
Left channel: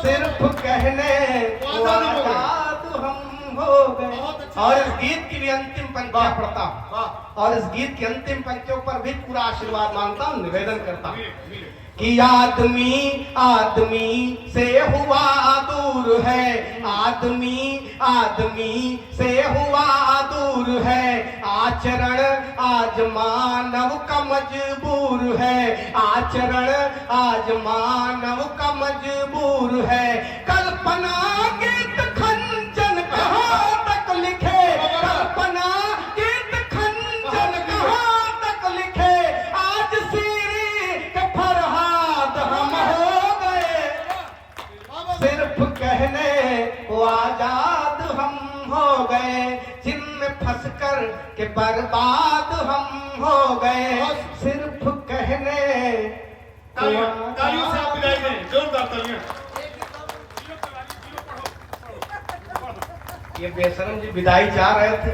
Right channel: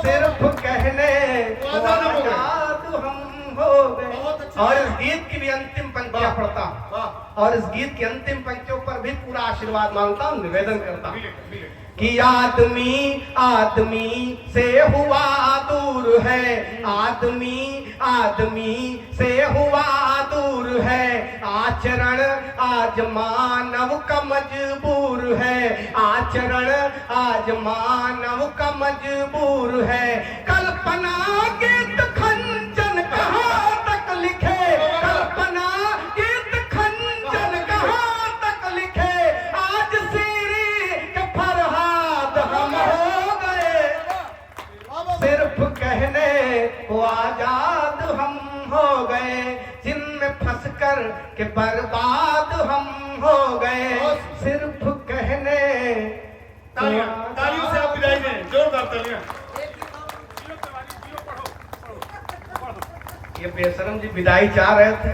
सिर्फ कहने आजाद हम हो गए। और इस गीत की भी अंतिम पंक्तियां पढ़ता हूं, और इस गीत की अंतिम पंक्तियों पर भी पूरा आशीर्वाद मांगता हूं, निवेदन करता हूं कि आदमी आदमी से हुआ दूर है, आदमी आदमी से हुआ दूर है, आचरण आज मानव का मजबूर है, आचरण आज मानव का मजबूर है। कल्पना गीत खंजन कहाँ तक लिखे, कल्पना गीत खंजन कहाँ तक लिखे, आज सीरी के फरहाद हम हो गए, सिर्फ कहने को आजाद हम हो गए, जिनमें फंसकर के बर्बाद हम हो गए, सिर्फ कहने। तालियों से आप विदाई दें, जोरदार तालियां। ये बेशरम जी विदाई चाह रहे थे,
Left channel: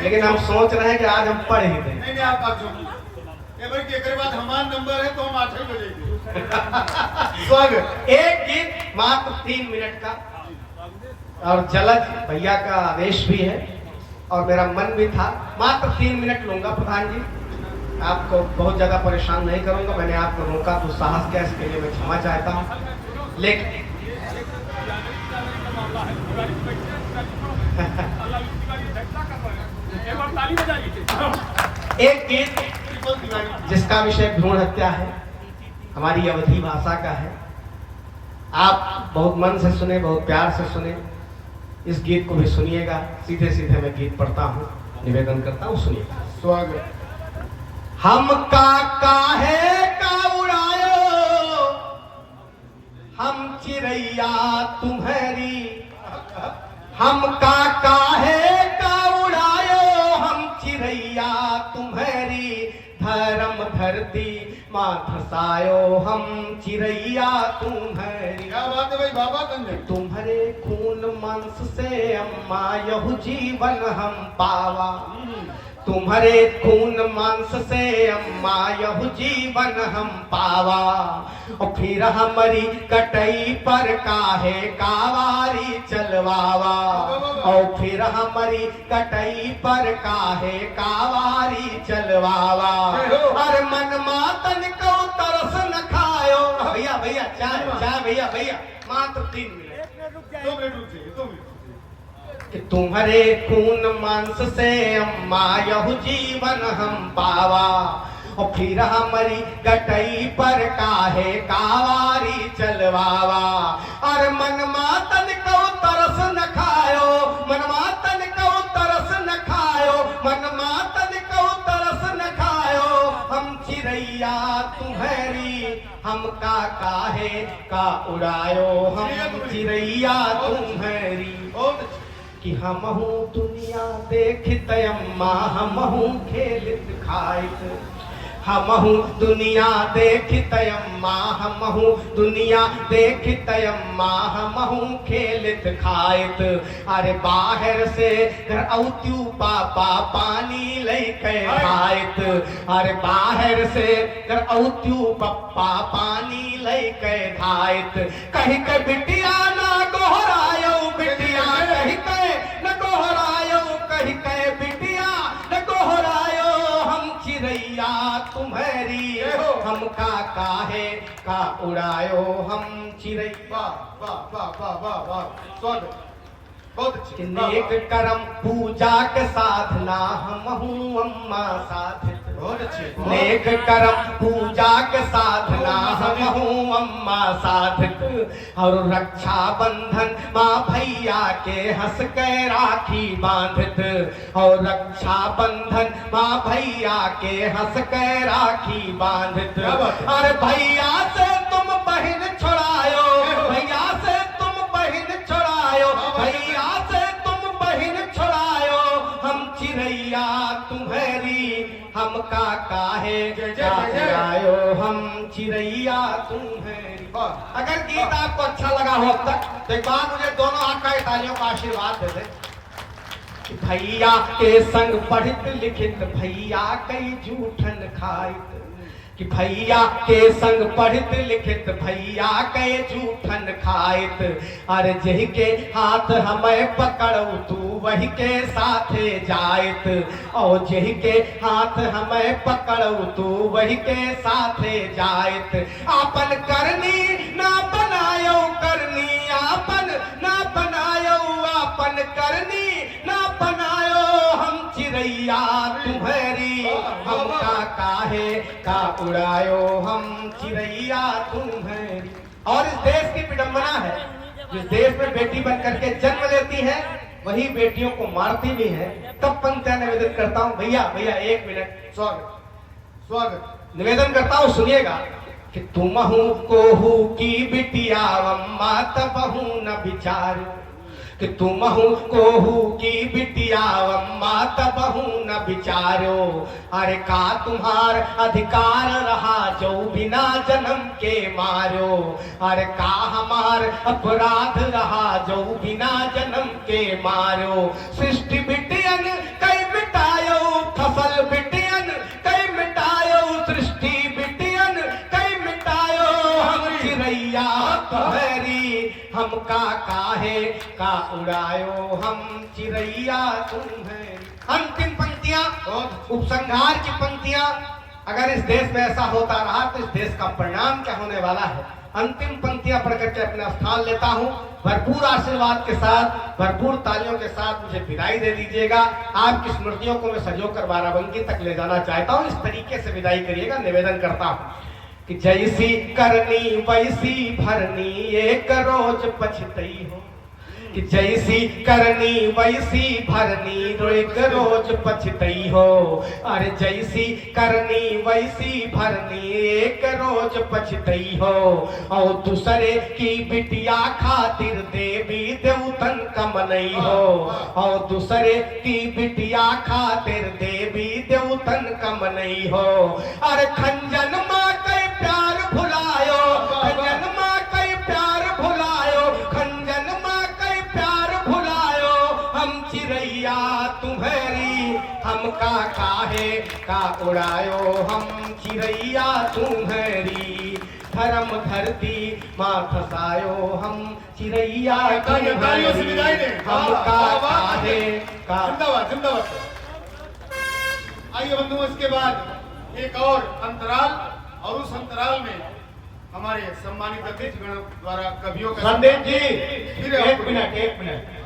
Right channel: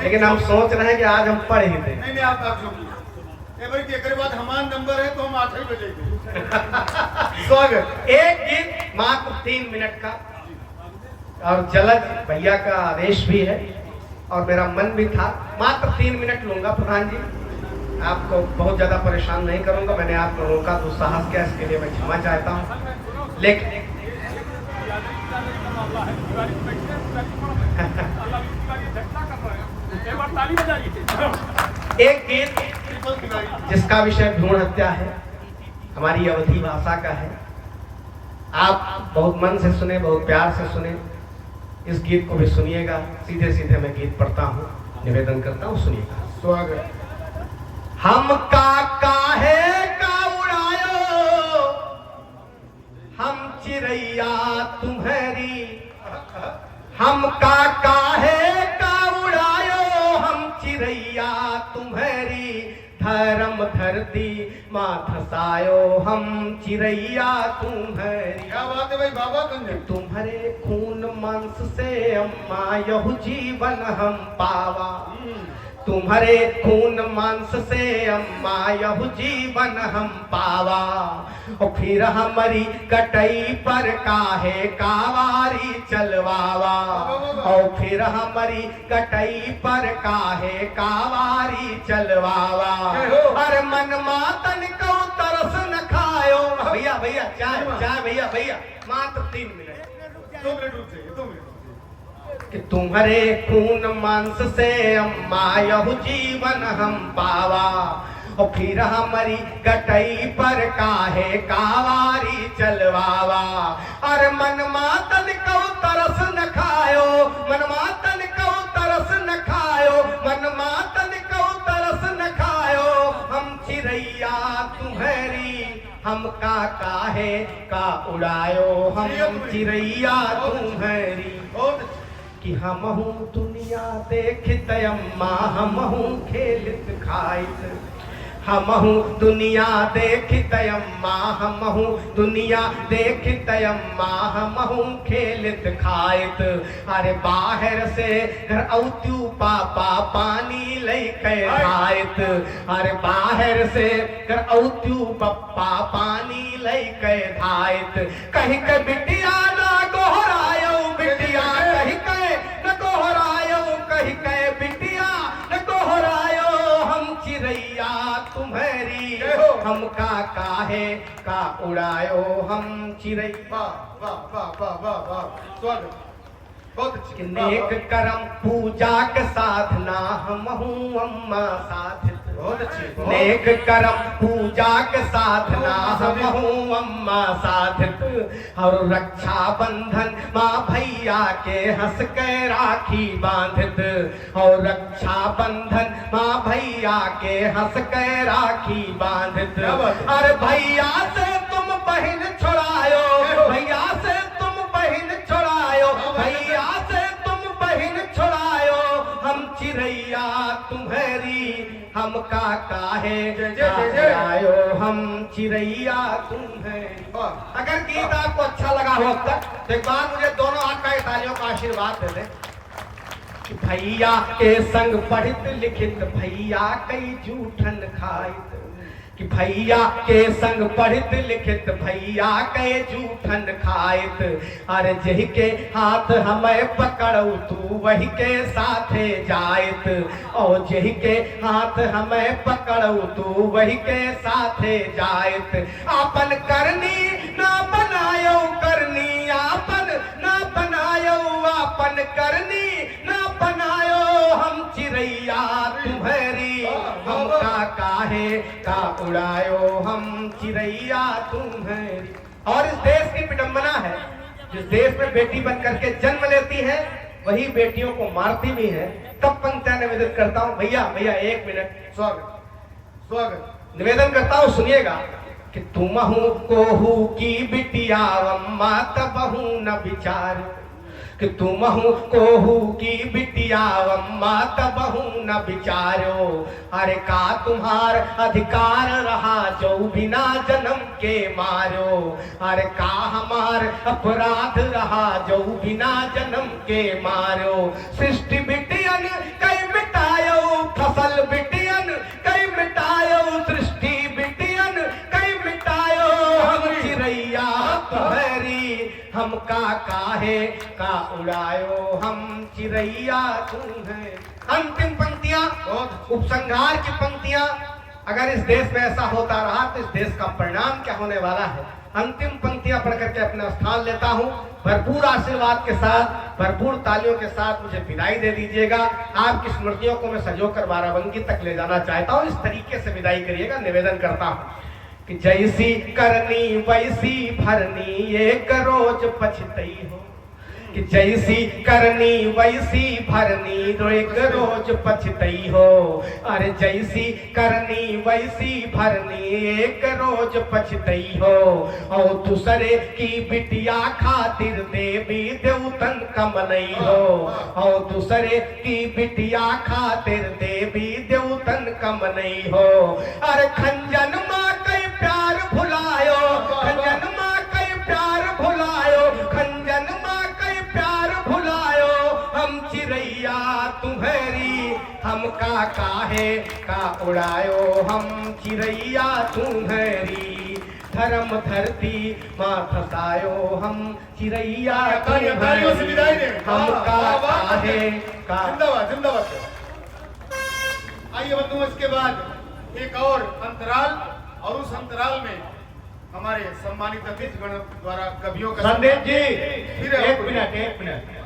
लेकिन हम सोच रहे हैं कि आज हम पढ़ ही दें। नहीं आप जो एक बाद हमारा नंबर है तो हम 8 ही बजे स्वागत। एक गीत मात्र 3 मिनट का, और जलज भैया का आदेश भी है और मेरा मन भी था, मात्र 3 मिनट लूंगा। प्रधान जी आपको बहुत ज्यादा परेशान नहीं करूंगा, मैंने आपको रोका तो साहस क्या, इसके लिए मैं क्षमा चाहता हूँ। लेकिन का मामला है, तिवारी बैठे हैं, अल्लाह तिवारी झटका कर रहे हैं, एक बार ताली बजाइए। एक गीत जिसका विषय भ्रूण हत्या है, हमारी अवधी भाषा का है, आप बहुत मन से सुने, बहुत प्यार से सुने, इस गीत को भी सुनिएगा। सीधे सीधे मैं गीत पढ़ता हूँ, निवेदन करता हूँ, सुनिएगा। स्वागत। हम काहे का उड़ायो, हम चिड़ैया तुम्हारी, हम काहे का उड़ायो, हम चिड़ैया तुम्हारी, धर्म धरती माँ धसायो, हम चिड़ैया तुम्हारी। क्या बात है भाई बाबा कंधे। तुम्हारे खून मांस से अम्मा यहु जीवन हम पावा, तुम्हारे खून मांस से अम्मा यहु जीवन हम पावा, और फिर हमारी कटई पर काहे कावारी चलवावा, और फिर हमारी कटई पर काहे कावारी चलवावा, हर मन मातन को तरस न खायो। भैया भैया चाय चाय, भैया भैया मात्र 3 मिनट, 2 मिनट रुक जाइए, 2 मिनट। कि तुम्हारे खून मांस से अम्मा यहु जीवन हम पावा, और फिर हमारी गटई पर काहे कावारी चलवावा, और मन मातन को तरस न खायो, मन मातन को तरस न खायो, मन मातन को तरस न खायो, हम चिड़ैया तुम्हारी, हम काहे का उड़ायो, हम चिड़ैया तुम्हारी, कि हमहू दुनिया देखत अम्मा, हमहू खेलत खाइत, हमहू दुनिया देखत अम्मा, हमहू दुनिया देखत अम्मा, हमहू खेलत खाइत, अरे बाहर से घर औत्यू पापा पानी लेके खाइत, अरे बाहर से घर औत्यू पप्पा पानी लेके खाइत, कहीं के बिटिया ना गोहरायो, बिटिया कहीं के न गोहरायो, कहीं के बिटिया न गोहरायो, हम चिड़ैया तुम्हारी, हम काहे का उड़ायो, हम चिड़ैया। वाह वाह वाह वाह वाह, स्वागत, बहुत अच्छी। नेक कर्म पूजा के साधना, हमहू अम्मा साधित, बहुत अच्छी। नेक कर्म पूजा के साधना, हमहू अम्मा साधित, और रक्षा बंधन माँ भैया के हंस के राखी बांधत, और रक्षा बंधन माँ भैया के हंस के राखी बांधत। अरे भैया से तुम बहन छुड़ायो, भैया से तुम बहन छुड़ायो, भैया से तुम बहन छुड़ायो, हम चिरैया तुम्हारी हम का काहे आयो, हम चिरैया तुम्हारी। अगर गीत आपको अच्छा लगा हो अब तक तो एक बार मुझे दोनों आपका तालियों का आशीर्वाद दे दे। भैया के संग पढ़ित लिखित भैया कई जूठन खाइत, कि भैया के संग पढ़ित लिखित भैया के जूठन खाइत। अरे जही के हाथ हमें पकड़ू तू वही के साथे जाइत, और जही के हाथ हमें पकड़ू तू वही के साथे जाइत। आपन करनी ना बनायो करनी, आपन ना बनायो आपन करनी ना बनायो, हम चिरैया तुम्हारी हम का काहे का उड़ायो, हम चिरैया तुम्हारी। और इस देश की विडंबना है, जिस देश में बेटी बन करके जन्म लेती है वही बेटियों को मारती भी है। तब पंक्तियां निवेदन करता हूँ, भैया भैया एक मिनट स्वागत स्वागत निवेदन करता हूँ, सुनिएगा कि तुम हूँ कोहू की बिटिया अम्मा तबहू न विचार, कि तुम हूँ कोहू की बिटिया अम्मा तबहू न विचारो। अरे का तुम्हार अधिकार रहा जो बिना जन्म के मारो, अरे का हमार अपराध रहा जो बिना जन्म के मारो। सृष्टि बिटियन कई मिटायो, फसल बिटियन कई मिटायो, सृष्टि बिटियन कई मिटायो, हम चिरैया तुम्हारी हम का काहे का उड़ायो, हम चिरैया तुम्हारी। अंतिम पंक्तियां उपसंहार की पंक्तियां, अगर इस देश में ऐसा होता रहा तो इस देश का परिणाम क्या होने वाला है। अंतिम पंक्तियां पढ़ करके अपना स्थान लेता हूं। भरपूर आशीर्वाद के साथ, भरपूर तालियों के साथ मुझे विदाई दे दीजिएगा। आपकी स्मृतियों को मैं सजोकर बाराबंकी तक ले जाना चाहता हूं, इस तरीके से विदाई करिएगा, निवेदन करता हूं कि जैसी करनी वैसी भरनी एक रोज पछतई हो, कि जैसी करनी वैसी भरनी एक रोज पछतई हो। अरे जैसी करनी वैसी भरनी एक रोज पछतई हो, और दूसरे की बिटिया खातिर देवी देवतन कमनई हो, और दूसरे की बिटिया खातिर देवी देवतन कमनई हो। अरे खंजन माँ कई प्यार भुलायो, खंजन माँ कई प्यार भुलायो, खंजन माँ कई प्यार भुलायो, हम चिरैया तुम्हारी हम का काहे का उड़ायो, हम चिरैया तुम्हारी धर्म धरती माँ फसायो, हम चिरैया तुम्हारी हम का काहे का। जिंदाबाद जिंदाबाद। आइए बंधुओं, इसके बाद एक और अंतराल, और उस अंतराल में हमारे सम्मानित अतिथिगण द्वारा कवियों का संदेश जी फिर एक मिनट